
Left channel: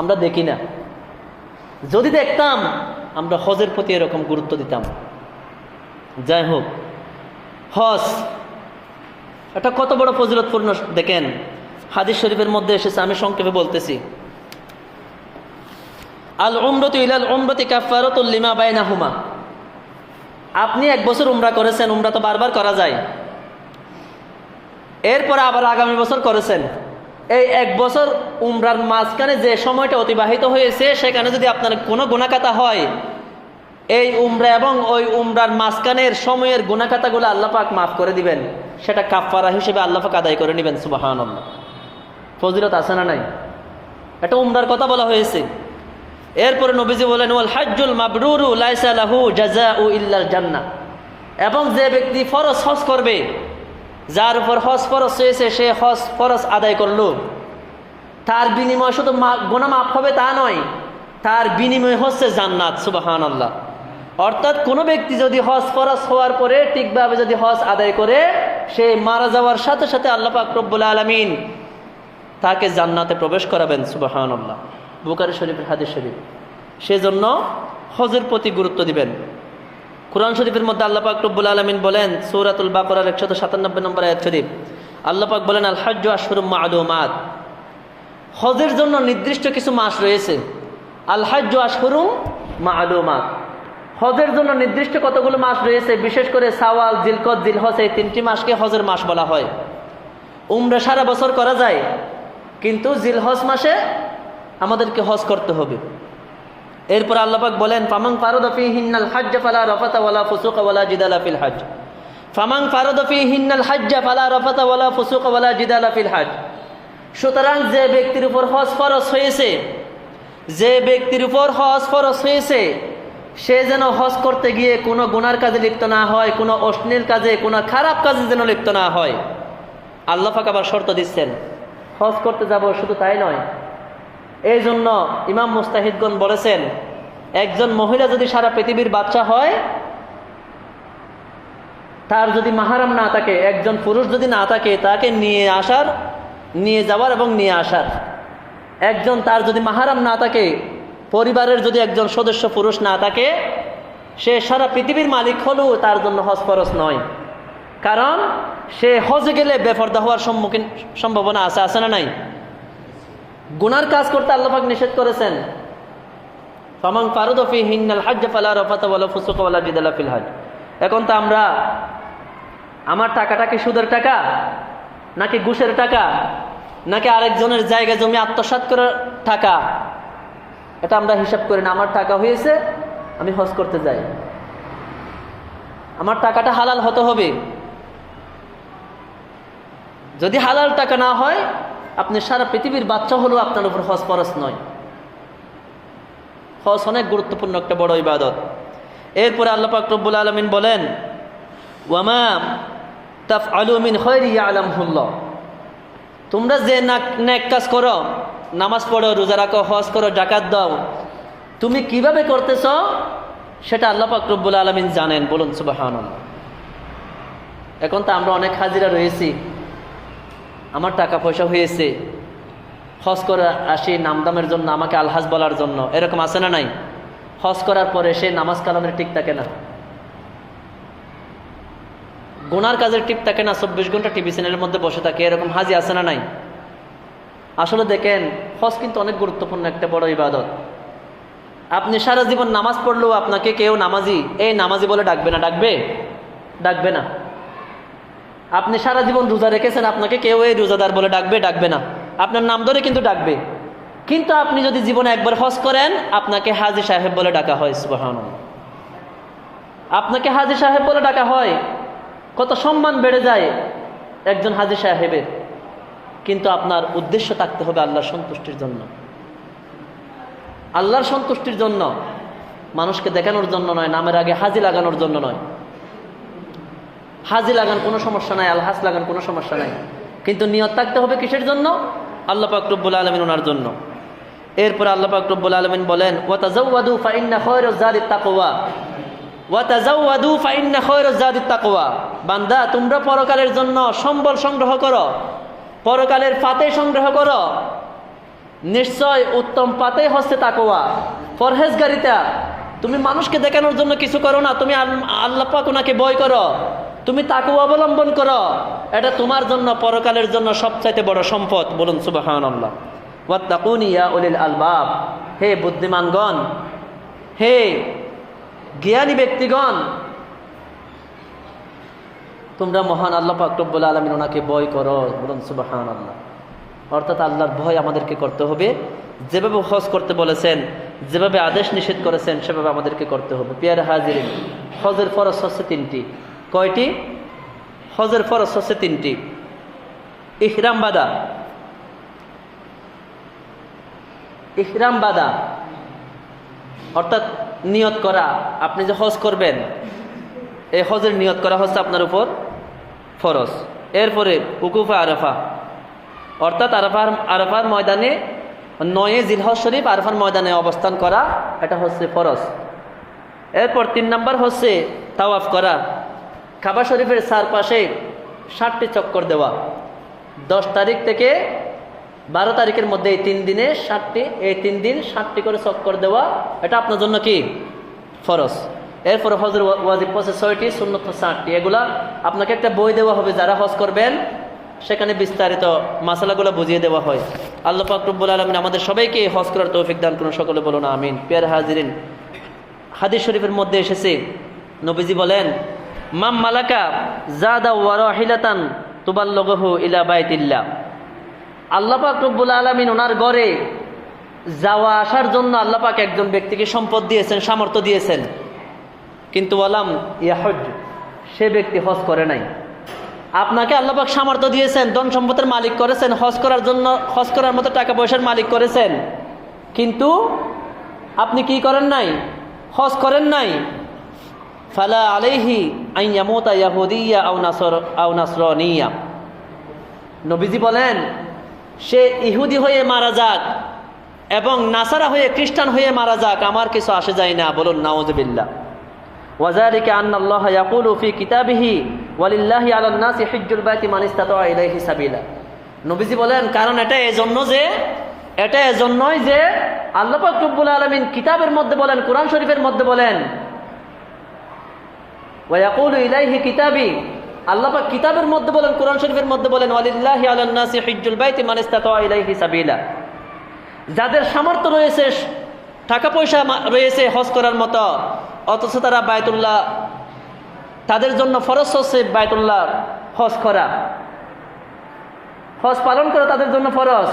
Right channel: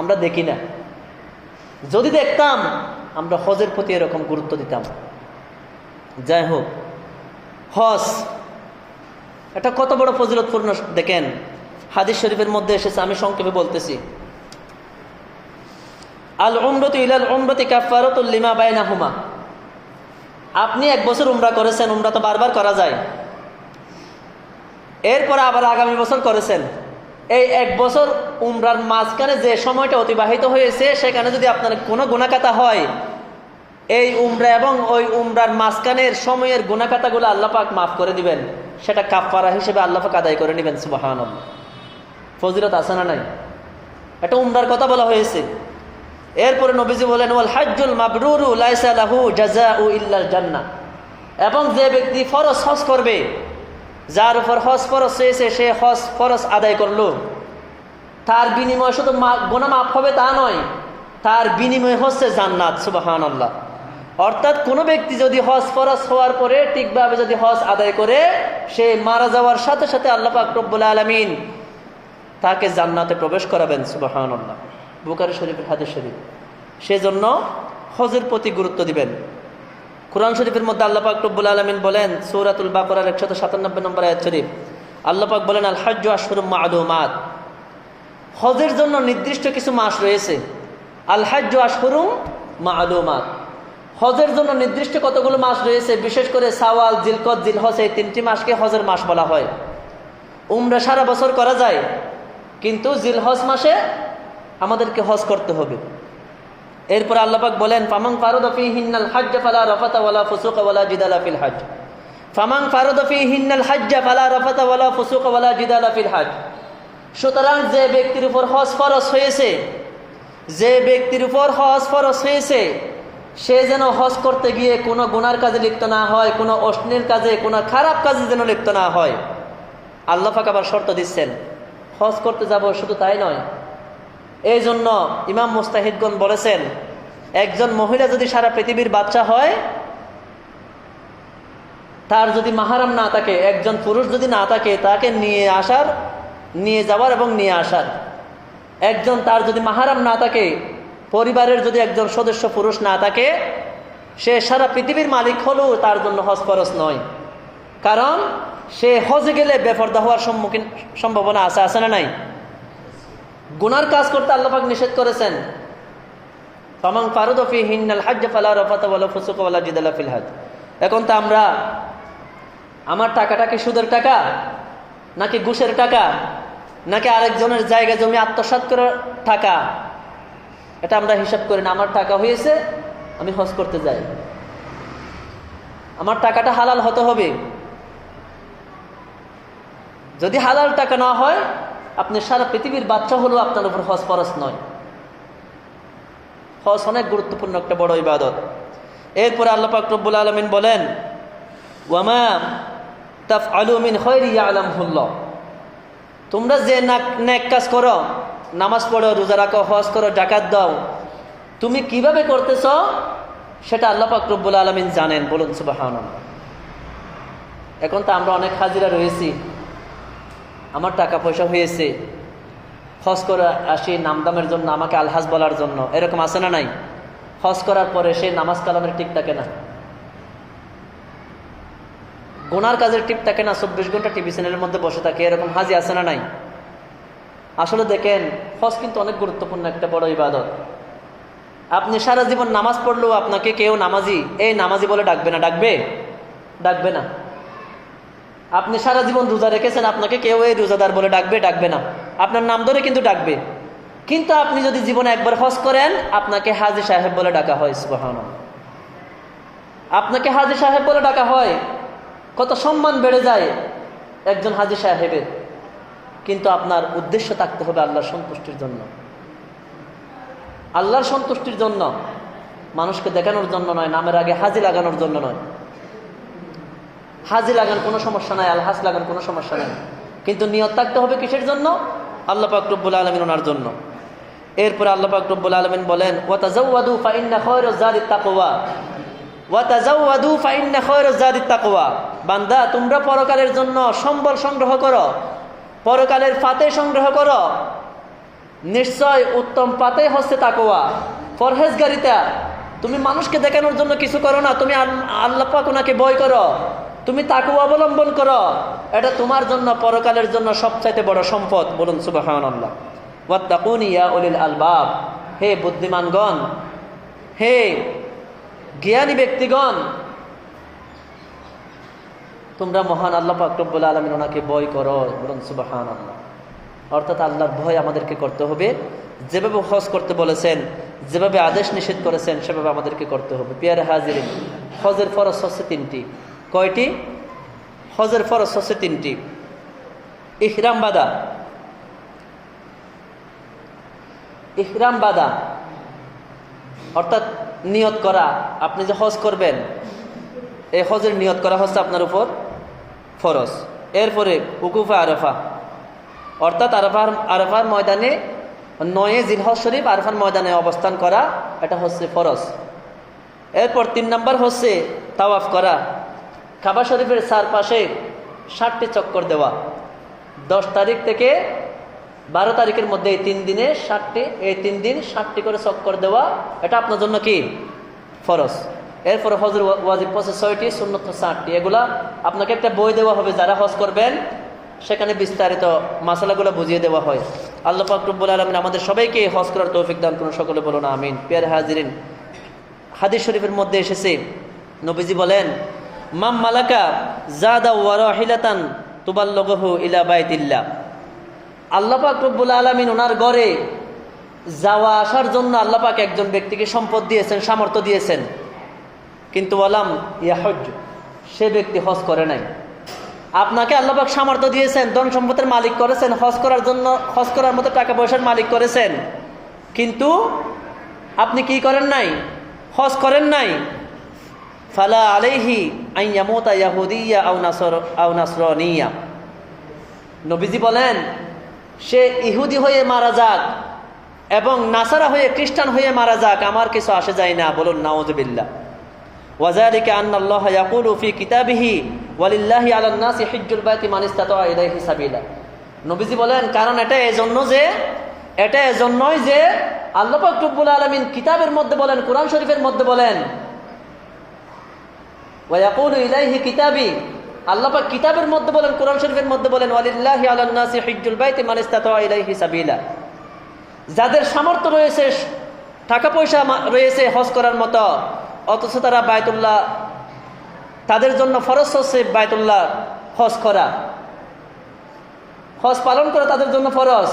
আমরা দেখি না, যদি দেখতাম আমরা হজের প্রতি এরকম গুরুত্ব দিতাম। যাই হোক, হজ এটা কত বড় ফজিলতপূর্ণ দেখেন, হাদিস শরীফের মধ্যে এসেছে, আমি সংক্ষেপে বলতেছি। আল উমরাতু ইলাল উমরাতি কাফারাতুল লিমা বাইনাহুমা। আপনি এক বছর উমরা করেছেন, উমরা তো বারবার করা যায়, এরপর আবার আগামী বছর করেছেন। এই এক বছর উমরার মাঝখানে যে সময়টা অতিবাহিত হয়েছে, সেখানে যদি আপনার কোনো গুনাহখাতা হয়, এই উমরা এবং ওই উমরার মাঝখানের সময়ের গুনাহখাতাগুলো আল্লাহ পাক মাফ করে দিবেন। সেটা কাফারা হিসেবে আল্লাহ পাক আদায় করে নেবেন। সুবহানাল্লাহ। ফজিলত আছে না নাই? এটা উমরার কথা বলা হয়েছে। এরপরে নবীজি বলেন ওয়াল হাজ্জুল মাবরুরু লাইসা লাহু জাযাউ ইল্লাল জান্নাহ। এবং যে ব্যক্তি ফরজ হজ করবে, যার উপর হজ ফরজ হয়েছে, সে হজ ফরজ আদায় করলো, তার বিনিময় শুধু গুনাহ মাফ হবে তা নয়, তার বিনিময় হচ্ছে জান্নাত। সুবহানাল্লাহ। অর্থাৎ কোনো ব্যক্তি যদি হজ ফরজ হওয়ার পরে ঠিকভাবে যদি হজ আদায় করে, সে মারা যাওয়ার সাথে সাথে আল্লাহ পাক রব্বুল আলামিন তাকে জান্নাতে প্রবেশ করাবেন। সুবহানাল্লাহ। বুখারী শরীফের হাদিস শরীফ। সেজন্য হজের প্রতি গুরুত্ব দিবেন। কুরআন শরীফের মধ্যে আল্লাহ পাক রব্বুল আলামিন বলেন, সূরাতুল বাকারার 197 নম্বর আয়াত শরীফ, আল্লাহ পাক বলেন আল হাজ্জু আশহুরুম মা'লুমাত। হজের জন্য নির্দিষ্ট কিছু মাস রয়েছে। আল হাজ্জু আশহুরুম মা'লুমাত। হজের জন্য নির্দিষ্ট কতগুলো মাস রয়েছে, বিশেষ করে শাওয়াল, জিলকদ, জিলহজ, এই তিনটি মাসকে হজের মাস বলা হয়। উমরা সারা বছর করা যায়, কিন্তু জিলহজ মাসে আমাদেরকে হজ করতে হবে। এরপর আল্লাহ পাক বলেন ফামান ফারাদা ফীহিন্নাল হাজ্জ ফালা রাফাতা ওয়ালা ফুসুকা ওয়ালা জিদালা ফিল হজ। ফামান ফারাদা ফীহিন্নাল হাজ্জ ফালা রাফাতা ওয়ালা ফুসুকা ওয়ালা জিদালা ফিল হজ। সুতরাং যে ব্যক্তির উপর হজ ফরজ হয়েছে, যে ব্যক্তির উপর হজ ফরজ হয়েছে, সে যেন হজ করতে গিয়ে কোনো গুনার কাজে লিপ্ত না হয়, কোনো অশ্লীল কাজে, কোনো খারাপ কাজে যেন লিপ্ত না হয়। আল্লাহ পাক আবার শর্ত দিচ্ছেন, হজ করতে যাব শুধু তাই নয়। এই জন্য ইমাম মুস্তাহিদগণ বলেছেন, একজন মহিলা যদি সারা পৃথিবীর বাচ্চা হয়, তার যদি মাহরাম না থাকে, একজন পুরুষ যদি না থাকে, তাকে নিয়ে যাওয়ার এবং নিয়ে আসার। একজন তার যদি মাহরাম না থাকে, পরিবারের যদি একজন সদস্য পুরুষ না থাকে, সে সারা পৃথিবীর মালিক হলেও তার জন্য হজ ফরজ নয়। কারণ সে হজে গেলে বেপরদা হওয়ার সম্ভাবনা আছে না নাই? গুনার কাজ করতে আল্লাহ পাক নিষেধ করেছেন। ফামান ফারাদা ফীহিন্নাল হাজ্জ ফালা রাফাতা ওয়ালা ফুসুকা ওয়ালা জিদালা ফিল হজ। এখন তো আমরা, আমার টাকাটা কি সুদের টাকা, নাকি ঘুষের টাকা, নাকি আরেকজনের জায়গা জমি আত্মসাৎ করার টাকা, এটা আমরা হিসাব করি না। আমার টাকা হয়েছে, আমি হজ করতে যাই। আমার টাকাটা হালাল হতে হবে। যদি হালাল টাকা না হয়, আপনি সারা পৃথিবীর বাচ্চা হলেও আপনার উপর হজ ফরজ নয়। হজ অনেক গুরুত্বপূর্ণ একটা বড় ইবাদত। এরপরে আল্লাহ পাক রব্বুল আলামিন বলেন ওয়ামা তাফআলু মিন খায়রি ইয়ালামহুল্লাহ। তোমরা যে নেক কাজ করো, নামাজ পড়ো, রোজা রাখো, হজ করো, যাকাত দাও, তুমি কিভাবে করতেছ সেটা আল্লাহ পাক রব্বুল আলামিন জানেন। বলুন সুবহানাল্লাহ। এখন তো আমরা অনেক হাজিরা রয়েছি, আমার টাকা পয়সা হয়েছে, হজ করে আসি নামদামের জন্য, আমাকে আলহাজ বলার জন্য, এরকম আছে না নাই? হজ করার পরে সে নামাজ কালামের ঠিক থাকে না, গুনার কাজের টিপ থাকে না, 24 ঘন্টা টিভি চ্যানেলের মধ্যে বসে থাকে, এরকম হাজি আছে না নাই? আসলে দেখেন, হজ কিন্তু অনেক গুরুত্বপূর্ণ একটা বড় ইবাদত। আপনি সারা জীবন নামাজ পড়লেও আপনাকে কেউ নামাজি, এই নামাজি বলে ডাকবে না, ডাকবে না। আপনি সারা জীবন রোজা রেখেছেন, আপনাকে কেউ এই রোজাদার বলে ডাকবে না, আপনার নাম ধরে কিন্তু ডাকবে। কিন্তু আপনি যদি জীবনে একবার হজ করেন, আপনাকে হাজী সাহেব বলে ডাকা হয়। সুবহানাল্লাহ, আপনাকে হাজী সাহেব বলে ডাকা হয়। কত সম্মান বেড়ে যায় একজন হাজী সাহেবের। কিন্তু আপনার উদ্দেশ্য থাকতে হবে আল্লাহর সন্তুষ্টির জন্য, আল্লাহর সন্তুষ্টির জন্য, মানুষকে দেখানোর জন্য নয়, নামের আগে হাজী লাগানোর জন্য নয়। হাজী লাগান কোনো সমস্যা নাই, আলহাজ লাগান কোনো সমস্যা নাই, কিন্তু নিয়ত থাকতে হবে কিসের জন্য? আল্লাহ পাক রব্বুল আলামিন ওনার জন্য। এরপর আল্লাহ পাক রব্বুল আলামিন বলেন, ওয়াতাজাওয়াদু ফাইন্না খায়রাজ যাদিত তাকওয়া, ওয়াতাজাওয়াদু ফাইন্না খায়রাজ যাদিত তাকওয়া। বান্দা, তোমরা পরকালের জন্য সম্বল সংগ্রহ করো, পরকালের ফাতে সংগ্রহ করো। নিশ্চয় উত্তম পাতে হচ্ছে তাকওয়া, পরহেজগারিতা। তুমি মানুষকে দেখানোর জন্য কিছু করো না, তুমি আল্লাহ পাক ওনাকে ভয় করো, তুমি তাকওয়া অবলম্বন করো। এটা তোমার জন্য পরকালের জন্য সবচাইতে বড় সম্পদ। বলুন সুবহানাল্লাহ। ওয়াত্তাকুনি ইয়া উলিল আলবাব, হে বুদ্ধিমানগণ, হে জ্ঞানী ব্যক্তিগণ, তোমরা মহান আল্লাহ পাক রব্বুল আলামিন ওনাকে ভয় করো। বলুন সুবহানাল্লাহ। অর্থাৎ আল্লাহর ভয় আমাদেরকে করতে হবে। যেভাবে হজ করতে বলেছেন, যেভাবে আদেশ নিষেধ করেছেন, সেভাবে আমাদেরকে করতে হবে। পিয়ারে হাজিরিন, হজের ফরজ হচ্ছে তিনটি। কয়টি? হজের ফরজ হচ্ছে তিনটি। ইহরাম বাঁধা, ইহরাম বাঁধা অর্থাৎ নিয়ত করা। আপনি যে হজ করবেন, এই হজের নিয়ত করা হচ্ছে আপনার উপর ফরজ। এরপরে উকুফা আরাফা, অর্থাৎ আরাফার ময়দানে 9 জিলহজ শরীফ আরাফার ময়দানে অবস্থান করা, এটা হচ্ছে ফরজ। এরপর 3 নম্বর হচ্ছে তাওয়াফ করা, কাবা শরীফের চারপাশে 60টি চক্কর দেওয়া। 10 তারিখ থেকে 12 তারিখের মধ্যে এই 3 দিনে 60টি, এই 3 দিন 60টি করে চক্কর দেওয়া, এটা আপনার জন্য কি? ফরজ। এরপর হজের ওয়াজিব হচ্ছে 6টি, সুন্নত 60টি। এগুলা আপনাকে একটা বই দেওয়া হবে, যারা হজ করবেন সেখানে বিস্তারিত মাসালাগুলো বুঝিয়ে দেওয়া হয়। আল্লাহ পাক রব্বুল আলামিন আমাদের সবাইকে হজ করার তৌফিক দান করুন। সকলে বলুন আমিন। প্রিয় হাজিরিন, হাদিস শরীফের মধ্যে এসেছে, নবীজি বলেন, মাম মালাকা জাদা ওয়া রাহিলাতান তুবাল্লিগুহু ইলা বাইতিল্লাহ। আল্লাহ পাক রব্বুল আলামিন ওনার ঘরে যাওয়া আসার জন্য আল্লাহ পাক একজন ব্যক্তিকে সম্পদ দিয়েছেন, সামর্থ্য দিয়েছেন, কিন্তু ওয়ালাম ইয়াহুজ, সে ব্যক্তি হজ করে নাই। আপনাকে আল্লাহ পাক সামর্থ্য দিয়েছেন, ধন সম্পদের মালিক করেছেন, হজ করার জন্য, হজ করার মতো টাকা পয়সার মালিক করেছেন, কিন্তু আপনি কি করেন নাই? হজ করেন নাই। ফালা আলাইহি আন ইয়ামুতা ইয়াহুদিয়া আও নাসরানিয়া। নবীজি বলেন, সে ইহুদি হয়ে মারা যাক এবং নাসারা হয়ে, খ্রিস্টান হয়ে মারা যাক, আমার কিছু আসে যায় না। বলুন নাউযুবিল্লাহ। ওয়াযালিকা আন্নাল্লাহা ইয়াকুলু ফি কিতাবিহি ওয়ালিল্লাহি আলান নাসি হিজ্জুল বাইতি মান ইসতাতা ইলাইহি সাবিলা। নবীজি বলেন, কারণ এটা এজন্যই যে আল্লাহ পাক রব্বুল আলামিন কিতাবের মধ্যে বলেন, কোরআন শরীফের মধ্যে বলেন, ওয়া ইয়াকুলু ইলাইহি কিতাবি, আল্লাহ পাক কিতাবের মধ্যে বলেন, কোরআন শরীফের মধ্যে বলেন, ওয়ালিল্লাহি আলান নাসি হিজ্জুল বাইতি মান ইসতাতা ইলাইহি সাবিলা। যাদের সামর্থ্য রয়েছে, টাকা পয়সা রয়েছে হজ করার মতো, অথচ তারা বায়তুল্লাহ, তাদের জন্য ফরজ হচ্ছে বায়তুল্লাহ হজ করা, হজ পালন করা তাদের জন্য ফরজ।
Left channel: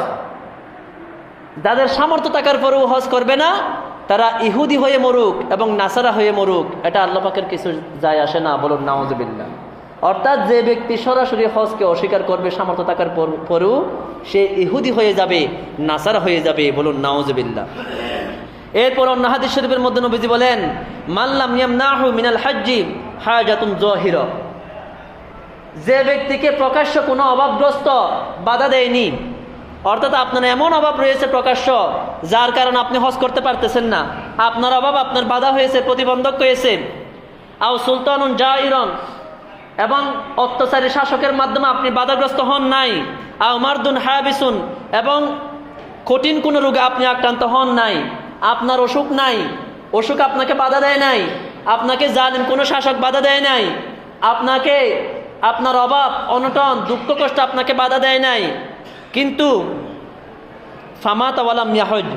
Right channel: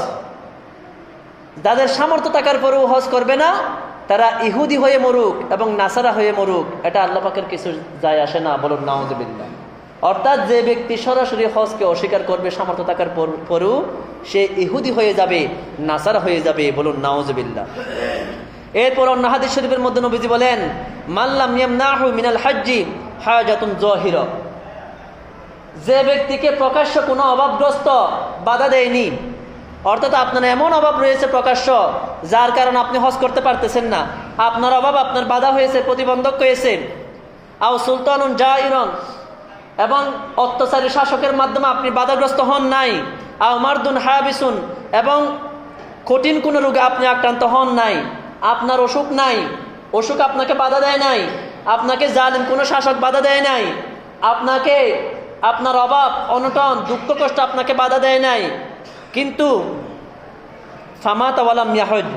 যাদের সামর্থ্য থাকার পরেও হজ করবে না, তারা ইহুদি হয়ে মরুক এবং নাসারা হয়ে মরুক, এটা আল্লাহ পাকের কিছু যায় আসে না। বলুন নাউযুবিল্লাহ। অর্থাৎ যে ব্যক্তি সরাসরি হজকে অস্বীকার করবে সামর্থ্য থাকার পরেও, সে ইহুদি হয়ে যাবে, নাসারা হয়ে যাবে। বলুন নাউযুবিল্লাহ। এরপর অন্য হাদিস শরীফের মধ্যে নবীজি বলেন, মাল্লাম ইয়ামনাহু মিনাল হাজ্জি হাজাতুন যাহিরা। যে ব্যক্তিকে প্রকাশ্য কোনো অভাবগ্রস্ত বাধা দেয়নি, অর্থাৎ আপনার এমন অভাব রয়েছে প্রকাশ্য, যার কারণে আপনি হজ করতে পারতেছেন না, আপনার অভাব আপনার বাধা হয়েছে, প্রতিবন্ধক হয়েছে, আও সুলতানুন জাইরন, এবং অত্যাচারী শাসকের মাধ্যমে আপনি বাধাগ্রস্ত হন নাই, আও মারদুন হাবিসুন, এবং কঠিন কোনো রোগে আপনি আক্রান্ত হন নাই, আপনার অসুখ নাই, অসুখ আপনাকে বাধা দেয় নাই, আপনাকে জালিম কোনো শাসক বাধা দেয় নাই, আপনাকে আপনার অভাব অনটন দুঃখ কষ্ট আপনাকে বাধা দেয় নাই, কিন্তু ফামাত ওয়ালাম ইয়াহুজ,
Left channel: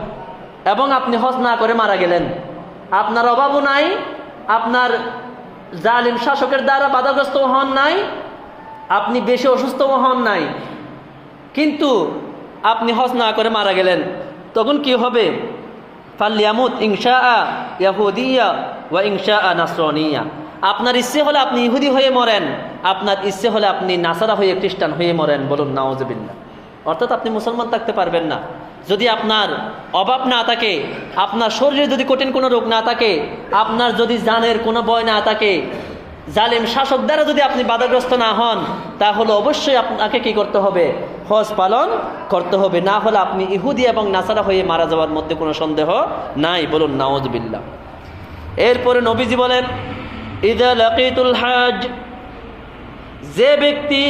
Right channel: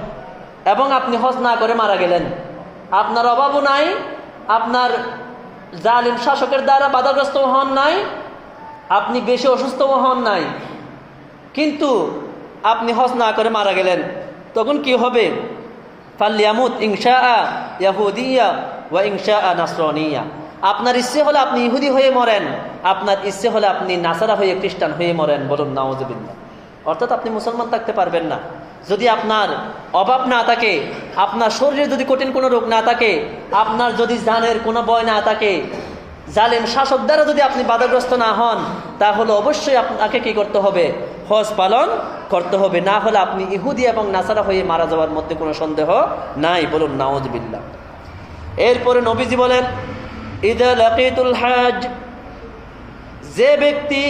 এবং আপনি হজ না করে মারা গেলেন, আপনার অভাবও নাই, আপনার জালিম শাসকের দ্বারা বাধাগ্রস্ত হন নাই, আপনি বেশি অসুস্থ হন নাই, কিন্তু আপনি হজ না করে মারা গেলেন, তখন কি হবে? ফাল্লিয়ামুত ইনশাআ ইয়াহুদিয়া ওয়া ইনশাআ নাসরানিয়া। আপনার ইচ্ছে হলে আপনি ইহুদি হয়ে মরেন, আপনার ইচ্ছে হলে আপনি নাসারা হয়ে খ্রিস্টান হয়ে মরেন। বলুন নাউজুবিল্লাহ। অর্থাৎ আপনি মুসলমান থাকতে পারবেন না যদি আপনার অভাব না থাকে, আপনার শরীরে যদি কঠিন কোনো রোগ না থাকে, আপনার যদি জানের কোনো ভয় না থাকে, জালেম শাসক দ্বারা যদি আপনি বাধাগ্রস্ত না হন, তাহলে অবশ্যই আপনাকে কি করতে হবে? হজ পালন করতে হবে। না হলে আপনি ইহুদি এবং নাসারা হয়ে মারা যাওয়ার মধ্যে কোনো সন্দেহ নাই। বলুন নাউজুবিল্লাহ। এরপরে নবীজি বলেন, ইদা লাকিতুল হাজ, যে ব্যক্তি,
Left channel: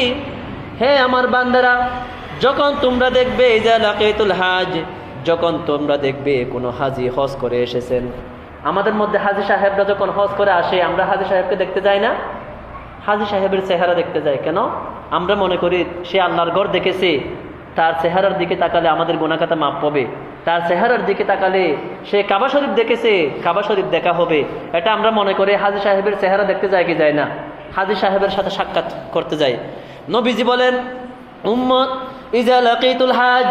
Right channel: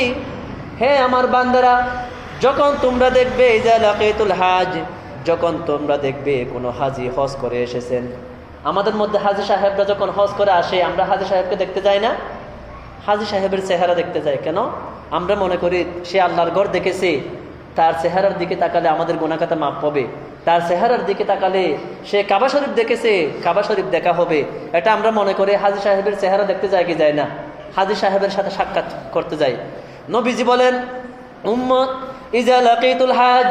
হে আমার বান্দারা, যখন তোমরা দেখবে, ইদা লাকিতুল হাজ, যখন তোমরা দেখবে কোনো হাজি হজ করে এসেছেন। আমাদের মধ্যে হাজি সাহেবরা যখন হজ করে আসে, আমরা হাজি সাহেবকে দেখতে যাই না? হাজি সাহেবের চেহারা দেখতে যাই কেন? আমরা মনে করি সে আল্লাহর ঘর দেখেছে, তার চেহারার দিকে তাকালে আমাদের গুনাহখাতা মাপ পাবে, তার চেহারার দিকে তাকালে সে কাবা শরীফ দেখেছে, কাবা শরীফ দেখা হবে। এটা আমরা মনে করি হাজি সাহেবের চেহারা দেখতে যায় কি যায় না? হাজি সাহেবের সাথে সাক্ষাৎ করতে যাই। নবীজি বলেন, উম্মত ইজা লাকিতুল হাজ,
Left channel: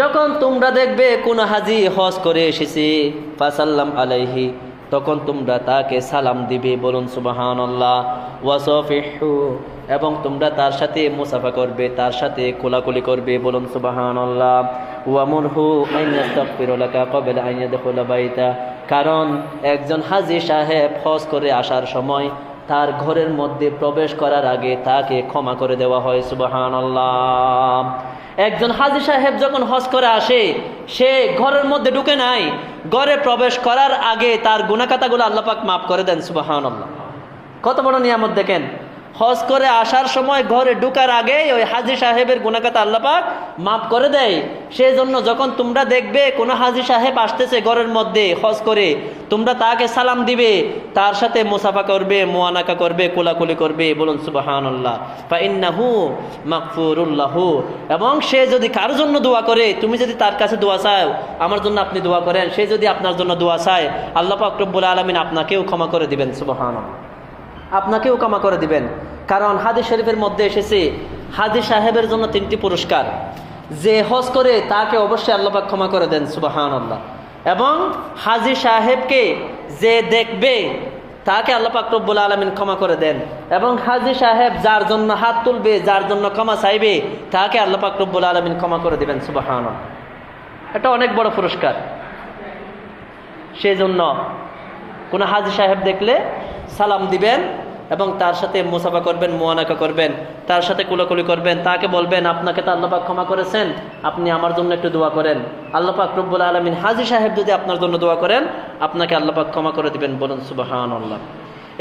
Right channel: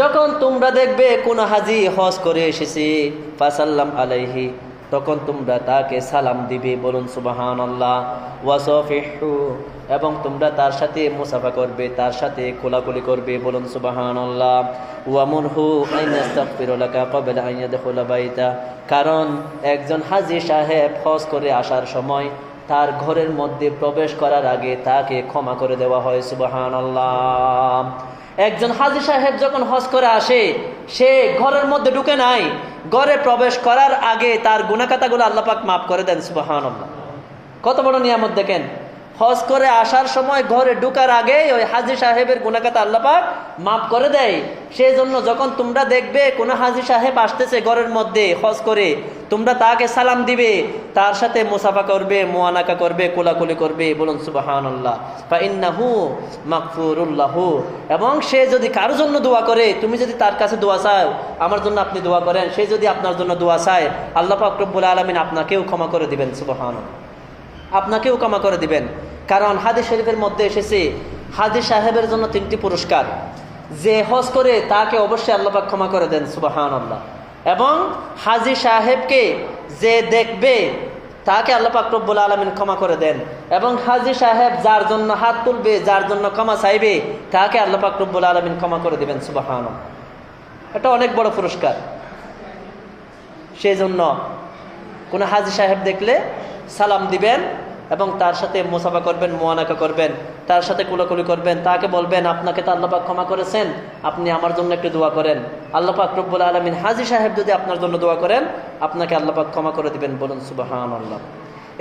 যখন তোমরা দেখবে কোন হাজি হজ করে এসেছে, ফাসাল্লাম আলাইহি, তখন তোমরা তাকে সালাম দিবে। বলুন সুবহানাল্লাহ। ওয়াসাফিহু, এবং তোমরা তার সাথে মুসাফা করবে, তার সাথে কোলাকুলি করবে। বলুন সুবহানাল্লাহ। ওয়ামুরহু আন ইয়াস্তাগফির লাকা ক্বাবলা আন ইয়াদখুলা বাইতা, কারণ একজন হাজি সাহেব হজ করে আসার সময় তার ঘরের মধ্যে প্রবেশ করার আগে তাকে ক্ষমা করে দেওয়া হয়। সুবহানাল্লাহ। একজন হাজি সাহেব যখন হজ করে আসে, সে ঘরের মধ্যে ঢুকে নাই, ঘরে প্রবেশ করার আগে তার গুনাহখাতাগুলো আল্লাহ পাক মাফ করে দেন। সুবহানাল্লাহ। কত বড় নিয়ামত দেখেন। হজ করে আসার সময় ঘরে ঢুকার আগে ওই হাজি সাহেবের গুনাহখাতা আল্লাহ পাক মাফ করে দেয়। সেই জন্য যখন তোমরা দেখবে কোনো হাজি সাহেব আসতেছে ঘরের মধ্যে হজ করে, তোমরা তাকে সালাম দিবে, তার সাথে মুসাফা করবে, মুআনাকা করবে, কোলাকুলি করবে। বলুন সুবহানাল্লাহ। ফাইন্নাহু মাগফুরুল লাহু, এবং সে যদি কারোর জন্য দোয়া করে, তুমি যদি তার কাছে দোয়া চাও, আমার জন্য আপনি দোয়া করেন, সে যদি আপনার জন্য দোয়া চায়, আল্লাহ পাক রব্বুল আলামিন আপনাকেও ক্ষমা করে দিবেন। সুবহানাল্লাহ। আপনাকেও ক্ষমা করে দিবেন। কারণ হাদিস শরীফের মধ্যে এসেছে, হাজি সাহেবের জন্য 3টি পুরস্কার। যে হজ করে তাকে অবশ্যই আল্লাহ পাক ক্ষমা করে দেন। সুবহানাল্লাহ। এবং হাজি সাহেবকে যে দেখবে তাকে আল্লাহ পাক রব্বুল আলামিন ক্ষমা করে দেন। এবং হাজি সাহেব যার জন্য হাত তুলবে, যার জন্য ক্ষমা চাইবে, তাকে আল্লাহ পাক রব্বুল আলামিন ক্ষমা করে দিবেন। সুবহানাল্লাহ। এটা অনেক বড় পুরস্কার। সেই জন্য কোন হাজি সাহেব দেখলে সালাম দিবেন এবং তার সাথে মুসাফা করবেন, মুআনাকা করবেন, তার সাথে কুলাকুলি করবেন, তাকে বলবেন আপনাকে তো আল্লাহ পাক ক্ষমা করেছেন, আপনি আমার জন্য একটু দোয়া করেন। আল্লাহ পাক রব্বুল আলামিন হাজি সাহেব যদি আপনার জন্য দোয়া করেন, আপনাকে আল্লাহ পাক ক্ষমা করে দিবেন। বলুন সুবহানাল্লাহ।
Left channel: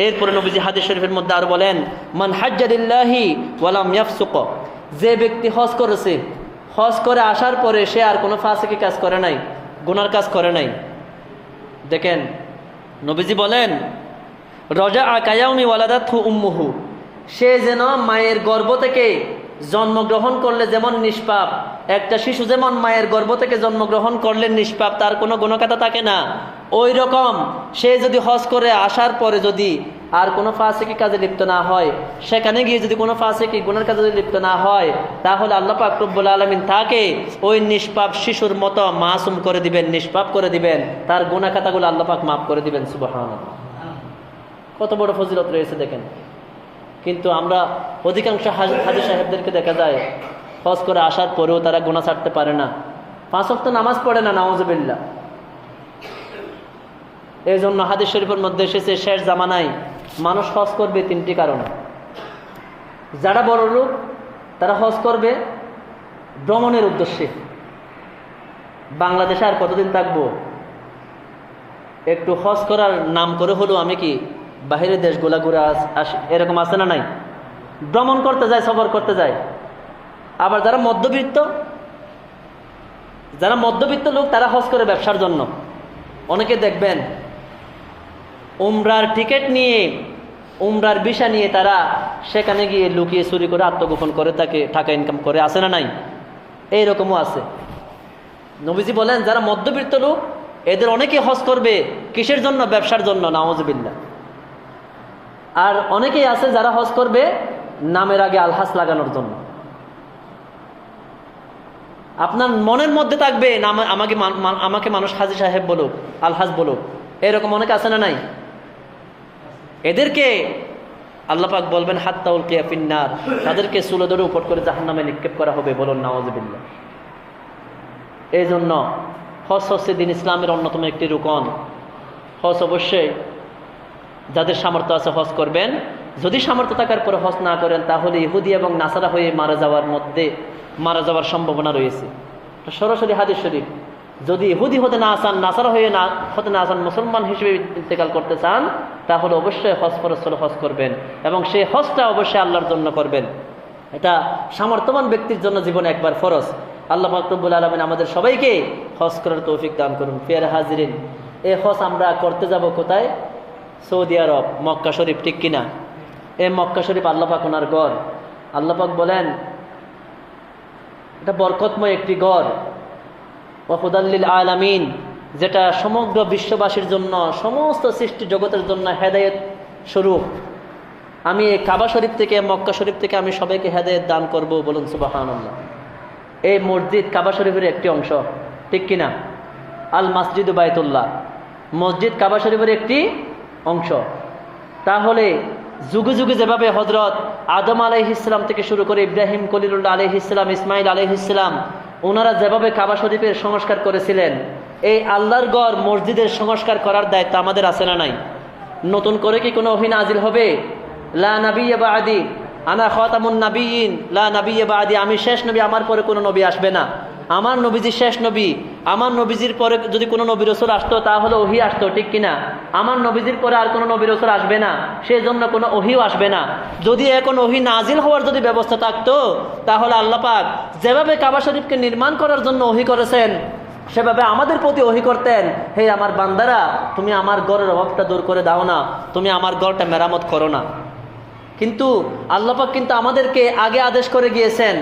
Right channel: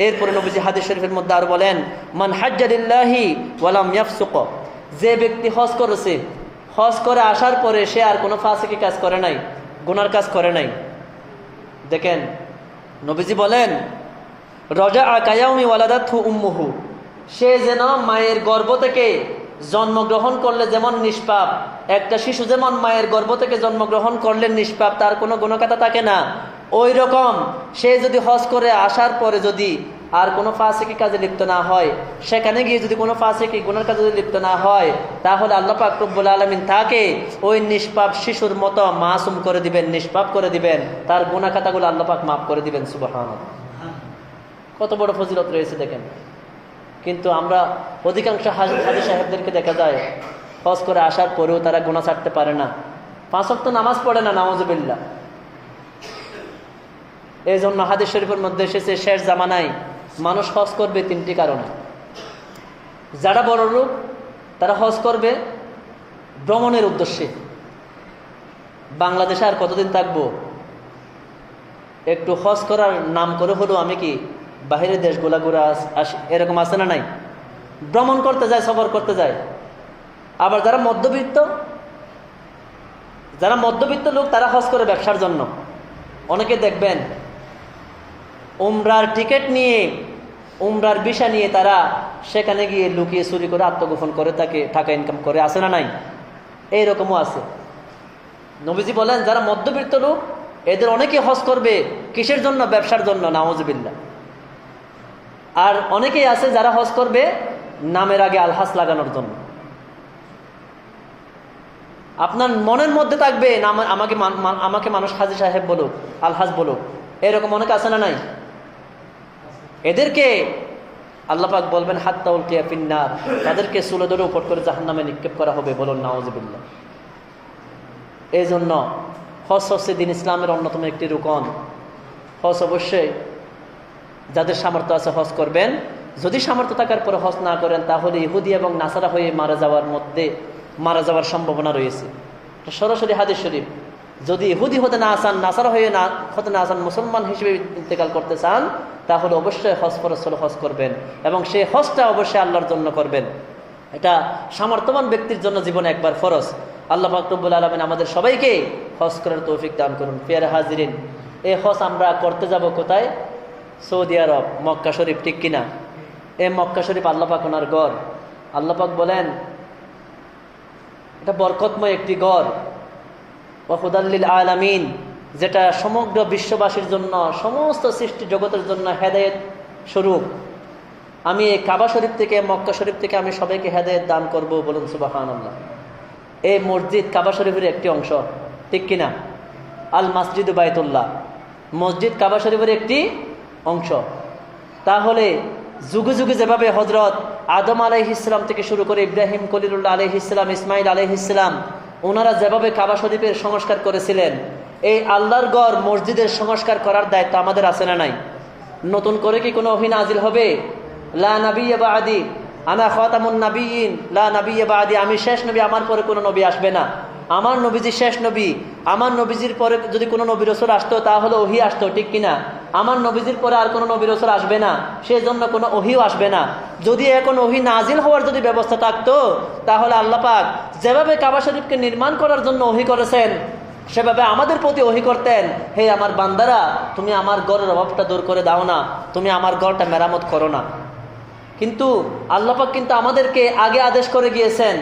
এরপরে নবীজি হাদিস শরীফের মধ্যে আর বলেন, মান হাজ্জা লিল্লাহি ওয়া লাম ইয়াফসুক, যে ব্যক্তি হজ করেছে, হজ করে আসার পরে সে আর কোনো ফাসিকি কাজ করে নাই, গুনার কাজ করে নাই। দেখেন নবীজি বলেন, রজা কায়াউমি ওয়ালাদাতহু উম্মুহু, সে যেন মায়ের গর্ভ থেকে জন্মগ্রহণ করলে যেমন নিষ্পাপ, একটা শিশু যেমন মায়ের গর্ভ থেকে জন্মগ্রহণ করলে নিষ্পাপ, তার কোনো গুনাহখাতা থাকে না, ওই রকম সে যদি হজ করে আসার পরে যদি আর কোনো ফাসিকি কাজে লিপ্ত না হয়, সেখানে গিয়ে যদি কোনো ফাসিকি গুনার কাজে লিপ্ত না হয়, তাহলে আল্লাহ পাক রব্বুল আলামিন তাকে ওই নিষ্পাপ শিশুর মতো মাসুম করে দিবেন, নিষ্পাপ করে দিবেন, তার গুনাহখাতাগুলো আল্লাহ পাক মাফ করে দিবেন। সুবহানাল্লাহ। কত বড় ফজিলত রয়েছে দেখেন। কিন্তু আমরা অধিকাংশ হাজি সাহেবদেরকে দেখা যায় হজ করে আসার পরেও তারা গুনাহ ছাড়তে পারে না, 5 ওয়াক্ত নামাজ পড়ে না, নাউজুবিল্লাহ। এই জন্য হাদিস শরীফের মধ্যে এসেছে, শেষ জামানায় মানুষ হজ করবে 3টি কারণে। যারা বড় লোক তারা হজ করবে ভ্রমণের উদ্দেশ্যে। বাংলাদেশে আর কতদিন থাকবো, একটু হজ করার নাম করে হলো আমি কি বাহিরের দেশগুলা ঘুরে আসি, এরকম আছে না নাই? ভ্রমণ করতে যায়, সফর করতে যায়। আবার যারা মধ্যবিত্ত লোক, তারা হজ করে ব্যবসার জন্য। অনেকে দেখবেন উমরার টিকিট নিয়ে, উমরার ভিসা নিয়ে তারা সেখানে গিয়ে লুকিয়ে চুরি করে আত্মগোপন করে তাকে টাকা ইনকাম করে, আছে না নাই? এইরকমও আছে। নবীজি বলেন, যারা মধ্যবিত্ত লোক এদের অনেকে হজ করবে কিসের জন্য? ব্যবসার জন্য, নাউজুবিল্লাহ। আর অনেকেই আছে যারা হজ করবে নামের আগে আলহাজ লাগানোর জন্য। আপনার মনের মধ্যে থাকবে আমাকে মানুষ হাজী সাহেব বলুক, আলহাজ বলুক, এরকম অনেকে আছে না নাই? এদেরকে আল্লাহ পাক বলবেন হাত্তা উলকিয়া ফিন্নার, তাদেরকে চুলে ধরে উপর করে জাহান্নামে নিক্ষেপ করা হবে। বলুন নাউযুবিল্লাহ। এই জন্য হজ হচ্ছে দিন ইসলামের অন্যতম একটি রুকন। হজ অবশ্যই যাদের সামর্থ্য আছে হজ করবেন। যদি সামর্থ্য থাকার পরে হজ না করেন তাহলে ইহুদি এবং নাসারা হয়ে মারা যাওয়ার সম্ভাবনা রয়েছে। সরাসরি হাদিস শরীফ, যদি ইহুদি হতে না চান, নাসারা হতে না চান, মুসলমান হিসেবে ইন্তেকাল করতে চান, তাহলে অবশ্যই হজ ফরজ হলে হজ করবেন এবং সেই হজটা অবশ্যই আল্লাহর জন্য করবেন। এটা সামর্থ্যবান ব্যক্তির জন্য জীবনে একবার ফরজ। আল্লাহ পাক রব্বুল আলামিন আমাদের সবাইকে হজ করার তৌফিক দান করুন। প্রিয় হাজিরিন, এই হজ আমরা করতে যাব কোথায়? সৌদি আরব, মক্কা শরীফ, ঠিক কিনা? এই মক্কা শরীফ আল্লাহ পাক ওনার গড়। আল্লাহ পাক বলেন এটা বরকতময় একটি গড়, ওয়া হুদাল্লিল আলামিন, যেটা সমগ্র বিশ্ববাসীর জন্য, সমস্ত সৃষ্টি জগতের জন্য হেদায়েত স্বরূপ। আমি এই কাবা শরীফ থেকে, মক্কা শরীফ থেকে আমি সবাইকে হেদায়েত দান করব। বলুন সুবহানাল্লাহ। এই মসজিদ কাবা শরীফের একটি অংশ, ঠিক কিনা? আল মসজিদ বাইতুল্লাহ, মসজিদ কাবা শরীফের একটি অংশ। তাহলে যুগে যুগে যেভাবে হজরত আদম আলাইহিস সালাম থেকে শুরু করে ইব্রাহিম খলিলুল্লাহ আলাইহিস সালাম, ইসমাইল আলাইহিস সালাম, ওনারা যেভাবে কাবা শরীফের সংস্কার করেছিলেন, এই আল্লাহর গড় মসজিদের সংস্কার করার দায়িত্ব আমাদের আছে না নাই? নতুন করে কি কোনো ওহী নাজিল হবে? লা নাবিয়্যা বা'দি আনা খাতামুন নাবিয়্যিন, লা নাবিয়্যা বা'দি, আমি শেষ নবী, আমার পরে কোনো নবী আসবে না। আমার নবীজি শেষ নবী। আমার নবীজির পরে যদি কোনো নবী রাসূল আসতো তাহলে ওহী আসতো, ঠিক কিনা? আমার নবীজির পরে আর কোনো নবী রাসূল আসবে না, সেই জন্য কোনো ওহীও আসবে না। যদি এখন ওহী নাজিল হওয়ার যদি ব্যবস্থা থাকতো, তাহলে আল্লাহ পাক যেভাবে কাবা শরীফকে নির্মাণ করার জন্য ওহী করেছেন, সেভাবে আমাদের প্রতি ওহী করতেন, হে আমার বান্দারা, তুমি আমার ঘরের অভাবটা দূর করে দাও না, তুমি আমার ঘরটা মেরামত করো না। কিন্তু আল্লাহ পাক কিন্তু আমাদেরকে আগে আদেশ করে গিয়েছেন,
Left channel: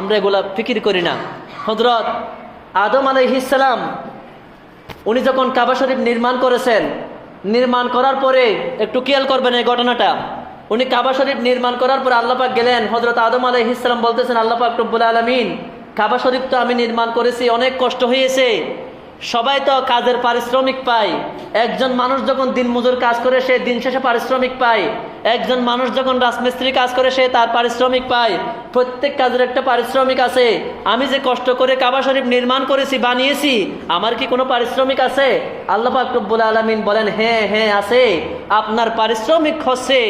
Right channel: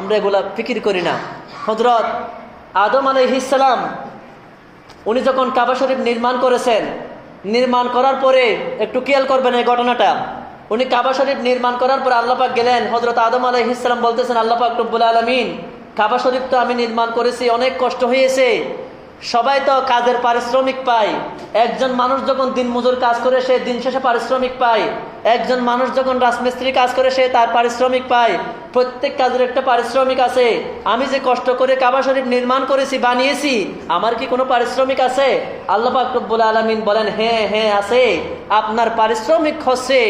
আমরা এগুলা ফিকির করি না। হযরত আদম আলাইহিস সালাম উনি যখন কাবা শরীফ নির্মাণ করেছেন, নির্মাণ করার পরে একটু খেয়াল করবেন এই ঘটনাটা। উনি কাবা শরীফ নির্মাণ করার পরে আল্লাহ পাক গেলেন, হযরত আদম আলাইহিস সালাম বলতেছেন, আল্লাহ পাক রব্বুল আলামিন, কাবা শরীফ তো আমি নির্মাণ করেছি, অনেক কষ্ট হয়েছে, সবাই তো কাজের পারিশ্রমিক পায়। একজন মানুষ যখন দিনমজুর কাজ করে সে দিন শেষে পারিশ্রমিক পায়, একজন মানুষ যখন রাজমিস্ত্রি কাজ করে সে তার পারিশ্রমিক পায়। প্রত্যেক কাজের একটা পারিশ্রমিক আছে। আমি যে কষ্ট করে কাবা শরীফ নির্মাণ করেছি, বানিয়েছি, আমার কি কোনো পারিশ্রমিক আছে? আল্লাহ পাক রব্বুল আলামিন বলেন, হ্যাঁ হ্যাঁ আছে। আপনার পারিশ্রমিক হচ্ছে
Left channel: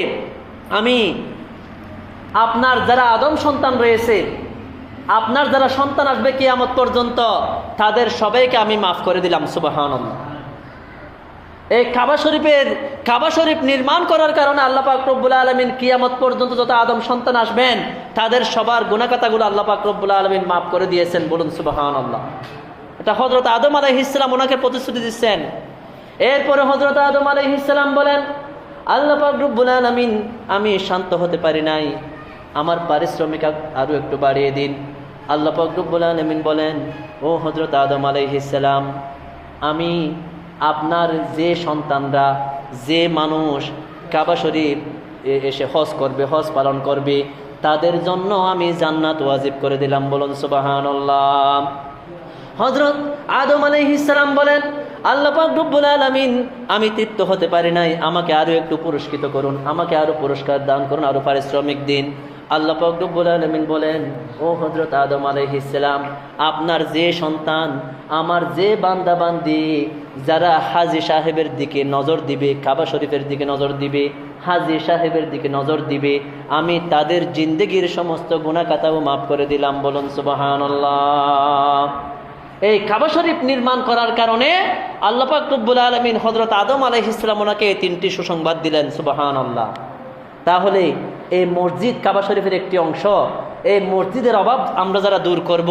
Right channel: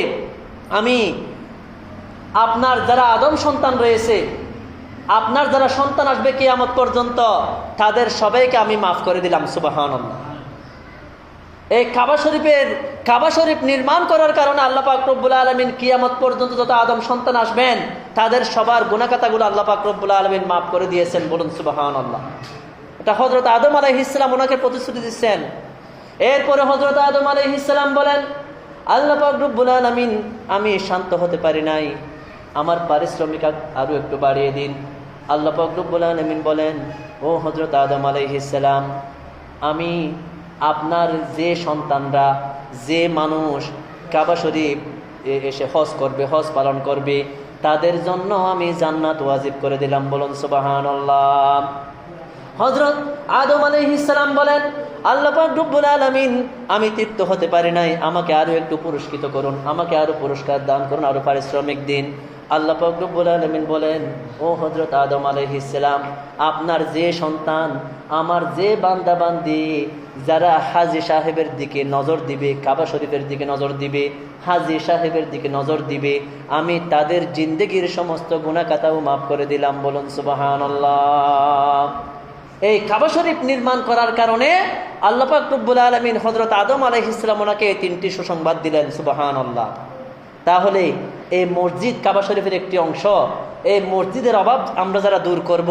আমি আপনার যারা আদম সন্তান রয়েছে, আপনার যারা সন্তান আসবে কিয়ামত পর্যন্ত, তাদের সবাইকে আমি মাফ করে দিলাম। সুবহানাল্লাহ। এই কাবা শরীফ নির্মাণ করার কারণে আল্লাহ পাক রব্বুল আলামিন কিয়ামত পর্যন্ত যত আদম সন্তান আসবেন তাদের সবার গুনাহ খাতাগুলো আল্লাহ পাক রব্বুল আলামিন মাফ করে দিয়েছেন। বলুন সুবহানাল্লাহ। এটা হযরত আদম আলাইহিস সালাম ওনাকে প্রতিশ্রুতি দিচ্ছেন। এরপরে হযরত আদম আলাইহিস সালাম বলেন, আল্লাহ পাক রব্বুল আলামিন, আমি শান্ত হতে পারি নাই, আমার পারিশ্রমিক আরো একটু বাড়িয়ে দিন। আল্লাহ পাক রব্বুল আলামিন বলেন, ও হযরত আদম আলাইহিস সালাম, আমি আপনার যে সন্তানরা, যে মানুষ কাবা শরীফ এসে হজ করবে, হজ পালন করবে, তাদের জন্য আমি জান্নাত ওয়াজিব করে দিলাম। বলুন সুবহানাল্লাহ। হযরত আদম আলাইহিস সালাম বলেন, আল্লাহ পাক রব্বুল আলামিন, আমি তৃপ্ত হতে পারি নাই, আমাকে আরো একটু পুরস্কৃত করুন, আমাকে আরো পুরস্কার দান করুন, আরো পারিশ্রমিক দিন। আল্লাহ পাক রব্বুল আলামিন বলেন, ও হযরত আদম আলাইহিস সালাম, আপনার যে সন্তান, আমার যে বান্দা বান্দি যারা হাজী সাহেবের দিকে নজর দিবে, কাবা শরীফের দিকে নজর দিবে, হাজী সাহেবের দিকে নজর দিবে, আমি তাদের জিন্দেগির সমস্ত গুনাহ খাতাও মাফ করে দিলাম। বলুন সুবহানাল্লাহ। এই কাবা শরীফ নির্মাণ করার কারণে আল্লাহ পাক রব্বুল আলামিন হযরত আদম আলাইহিস সালাম ওনাকে তিনটি সুসংবাদ দিলেন। সুবহানাল্লাহ। তাহলে এই মসজিদ কাবা শরীফের একটি অংশ। এই মসজিদের অভাব আমরা যারা দূর করব,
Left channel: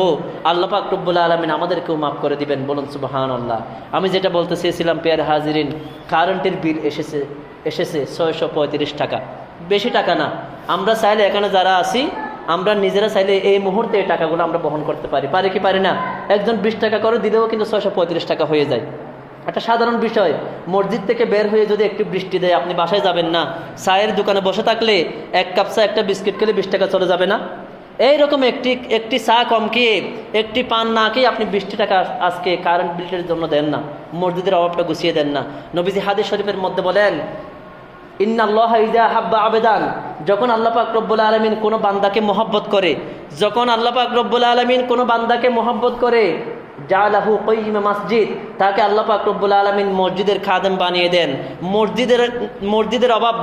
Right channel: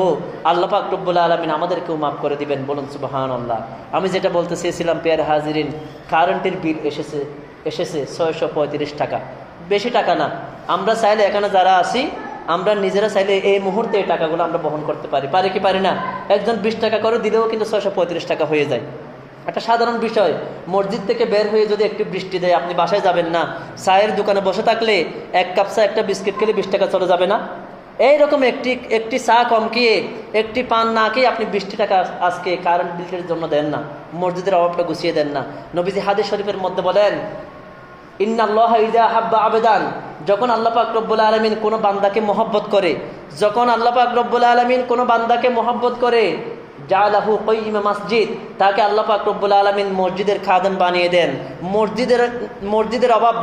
আল্লাহ পাক রব্বুল আলামিন আমাদেরকেও মাফ করে দিবেন। বলুন সুবহানাল্লাহ। আমি যেটা বলতে চেয়েছিলাম, প্রিয় হাজিরিন, কারেন্টের বিল এসেছে 635 টাকা, বেশি টাকা না। আমরা চাইলে এখানে যারা আছি, আমরা নিজেরা চাইলে এই মুহূর্তে এই টাকাগুলো আমরা বহন করতে পারি কি পারি না? একজন 20 টাকা করে দিলেও কিন্তু 635 টাকা হয়ে যায়। একটা সাধারণ বিষয়, মসজিদ থেকে বের হয়ে যদি একটু বৃষ্টি দেয়, আপনি বাসায় যাবেন না, চায়ের দোকানে বসে থাকলে এক কাপ চা একটা বিস্কিট খেলে 20 টাকা চলে যাবে না? এইরকম একটি চা কম খেয়ে, একটি পান না খেয়ে আপনি 20 টাকা আজকে কারেন্ট বিলের জন্য দেন না, মসজিদের অভাবটা গুছিয়ে দেন না। নবীজি হাদিস শরীফের মধ্যে বলেন, ইন্নাল্লাহা ইযা হাব্বা আবেদান, যখন আল্লাহ পাক রব্বুল আলামিন কোনো বান্দাকে মহব্বত করে, যখন আল্লাহ পাক রব্বুল আলামিন কোনো বান্দাকে মহব্বত করে, জালাহু কাইয়িমা মসজিদ, তাকে আল্লাহ পাক রব্বুল আলামিন মসজিদের খাদেম বানিয়ে দেন, মসজিদের অভাব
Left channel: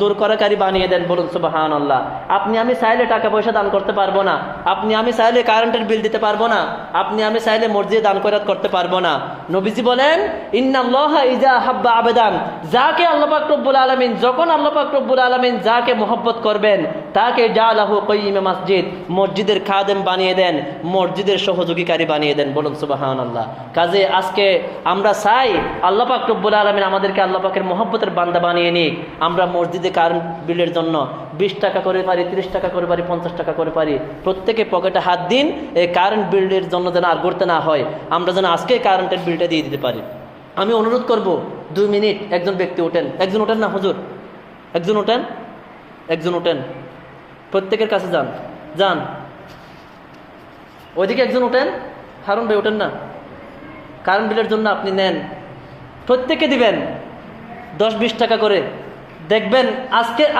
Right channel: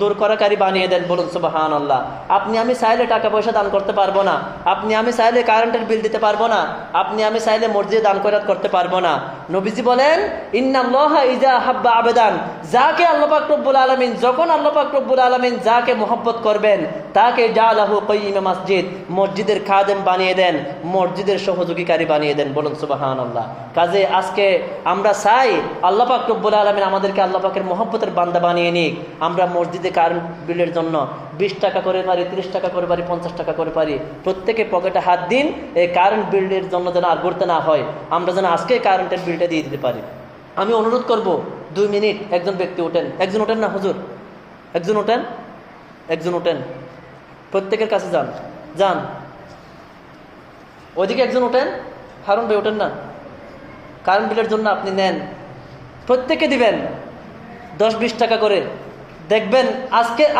দূর করাকারী বানিয়ে দেন। বলুন সুবহানাল্লাহ। আপনি আমি চাইলে টাকা পয়সা দান করতে পারবো না, আপনি আমি চাইলে কারেন্টের বিল দিতে পারবো না, আপনি আমি চাইলে মসজিদে দান খয়রাত করতে পারবো না। নবীজি বলেন, ইন্নাল্লাহা ইযা হাব্বা আবেদান, যাকে আল্লাহ পাক রব্বুল আলামিন, যখন আল্লাহ পাক রব্বুল আলামিন যাকে মহব্বত করবেন, তাকে জালাহু কাইয়িমা মসজিদ, মসজিদের খাদেম বানিয়ে দেন, মসজিদের সহযোগীকারী বানিয়ে দেন। বলুন সুবহানাল্লাহ। কাজে আজকে আমরা চাই আল্লাহ পাক রব্বুল আলামিন আমাদেরকে আল্লাহ পাকের মহব্বতের বান্দা বানিয়ে নিক। আমরা মসজিদে কারেন্ট বিলের জন্য 20 টাকা করে পারি, 30 টাকা করে পারি, 50 টাকা করে পারি, প্রত্যেকে পকেটে হাত দিন। এই কারেন্ট বিলের জন্য যেন আর করতে না হয়, আমরা যেন আজকে কারেন্টের বিলটা দিয়ে দিতে পারি। আমি অনুরোধ করব, 2 মিনিট একজন ব্যক্তি ওঠেন, একজন ওঠেন না হুজুর, একজন ওঠেন, একজন ওঠেন, প্রত্যেকের কাছে যান, যান ওইদিকে একজন ওঠেন, হারুন ভাই ওঠেন না, কারেন্ট বিলের জন্য আপনি নেন, প্রত্যেকে দিবেন 10-20 টাকা করে, দেখবেন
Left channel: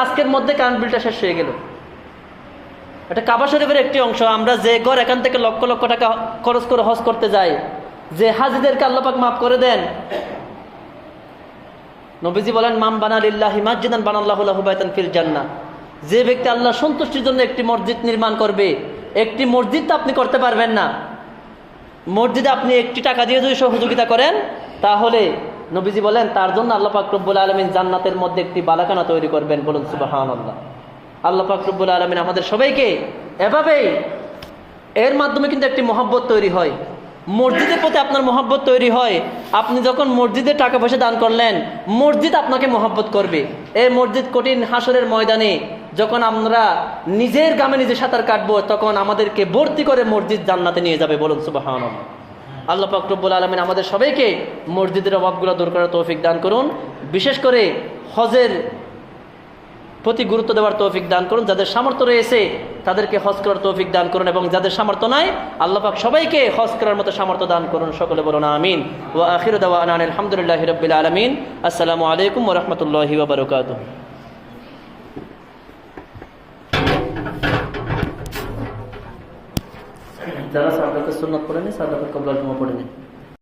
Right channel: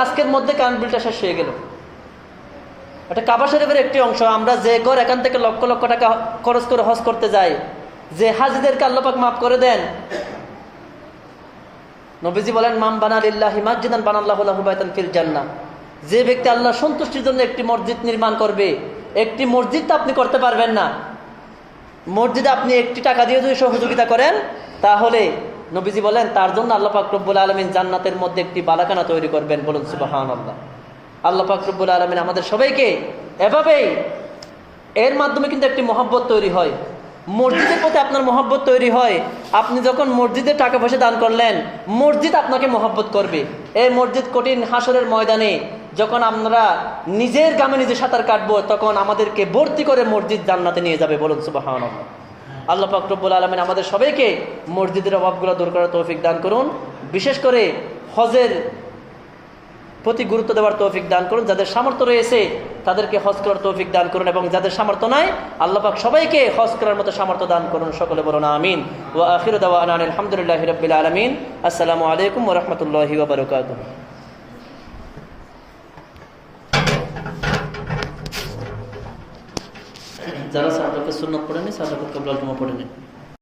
আজকের মধ্যে কারেন্ট বিলটা শেষ হয়ে গেল। এটা কাবা শরীফের একটি অংশ। আমরা যে ঘর এখান থেকে লক্ষ লক্ষ টাকা খরচ করে হজ করতে যাই, যে হাজিদেরকে আল্লাহ পাক মাফ করে দেন। নবীজি বলেন, মান বানা লিল্লাহি মাসজিদান বানাল্লাহু লাহু বাইতান ফিল জান্নাহ, যে ব্যক্তি আল্লাহ সন্তুষ্টির জন্য একটি মসজিদ নির্মাণ করবে, একটি মসজিদ তো আপনি করতে পারবেন না, মসজিদে আপনি 1 টাকা দিয়ে যদি সহযোগিতা করেন, তাহলে নবীজি বলেন তার জন্য আল্লাহ পাক রব্বুল আলামিন জান্নাতের মধ্যে একটি বালাখানা তৈরি করবেন। বলুন সুবহানাল্লাহ। আল্লাহ পাক রব্বুল আলামিন আমাদের সবাইকে এভাবেই, এর মাধ্যমে কিন্তু একটি মহব্বত তৈরি হয়, মসজিদের প্রতি আপনার মহব্বত তৈরি হয়। আপনি যখন মসজিদে টাকা পয়সা দান করলেন, মসজিদ আপনাকে মহব্বত করবে। এই মসজিদ কঠিন হাসরের ময়দানে যখন আমরা নিজের গ্রামে নিজে সাঁতার কাটবো, তখন আমাদেরকে ভর্তি করে মসজিদ জান্নাতে নিয়ে যাবে। বলুন সুবহানাল্লাহ। আল্লাহ পাক রব্বুল আলামিন আমাদের সবাইকে মসজিদের অভাবগুলো দূর করার তৌফিক দান করুন, বিশেষ করে হজের প্রতি গুরুত্ব দেওয়ার তৌফিক দান করুন। যাদের সামর্থ্য রয়েছে তাদেরকে হজ করার তৌফিক দান করুন, এবং যাদের সামর্থ্য নাই, আল্লাহ পাক সবাইকে হজ করার মতো সামর্থ্য দান করুন। সকলে বলুন আমিন। ওয়া আখিরু দাওয়ানা আলহামদুলিল্লাহি রাব্বিল আলামিন। আসসালামু আলাইকুম ওয়া রাহমাতুল্লাহি ওয়া বারাকাতুহু। যারা সাহাবাকে সুন্নাত পড়েনি, সাহাবাকে কবলাল জুমা পড়েনি।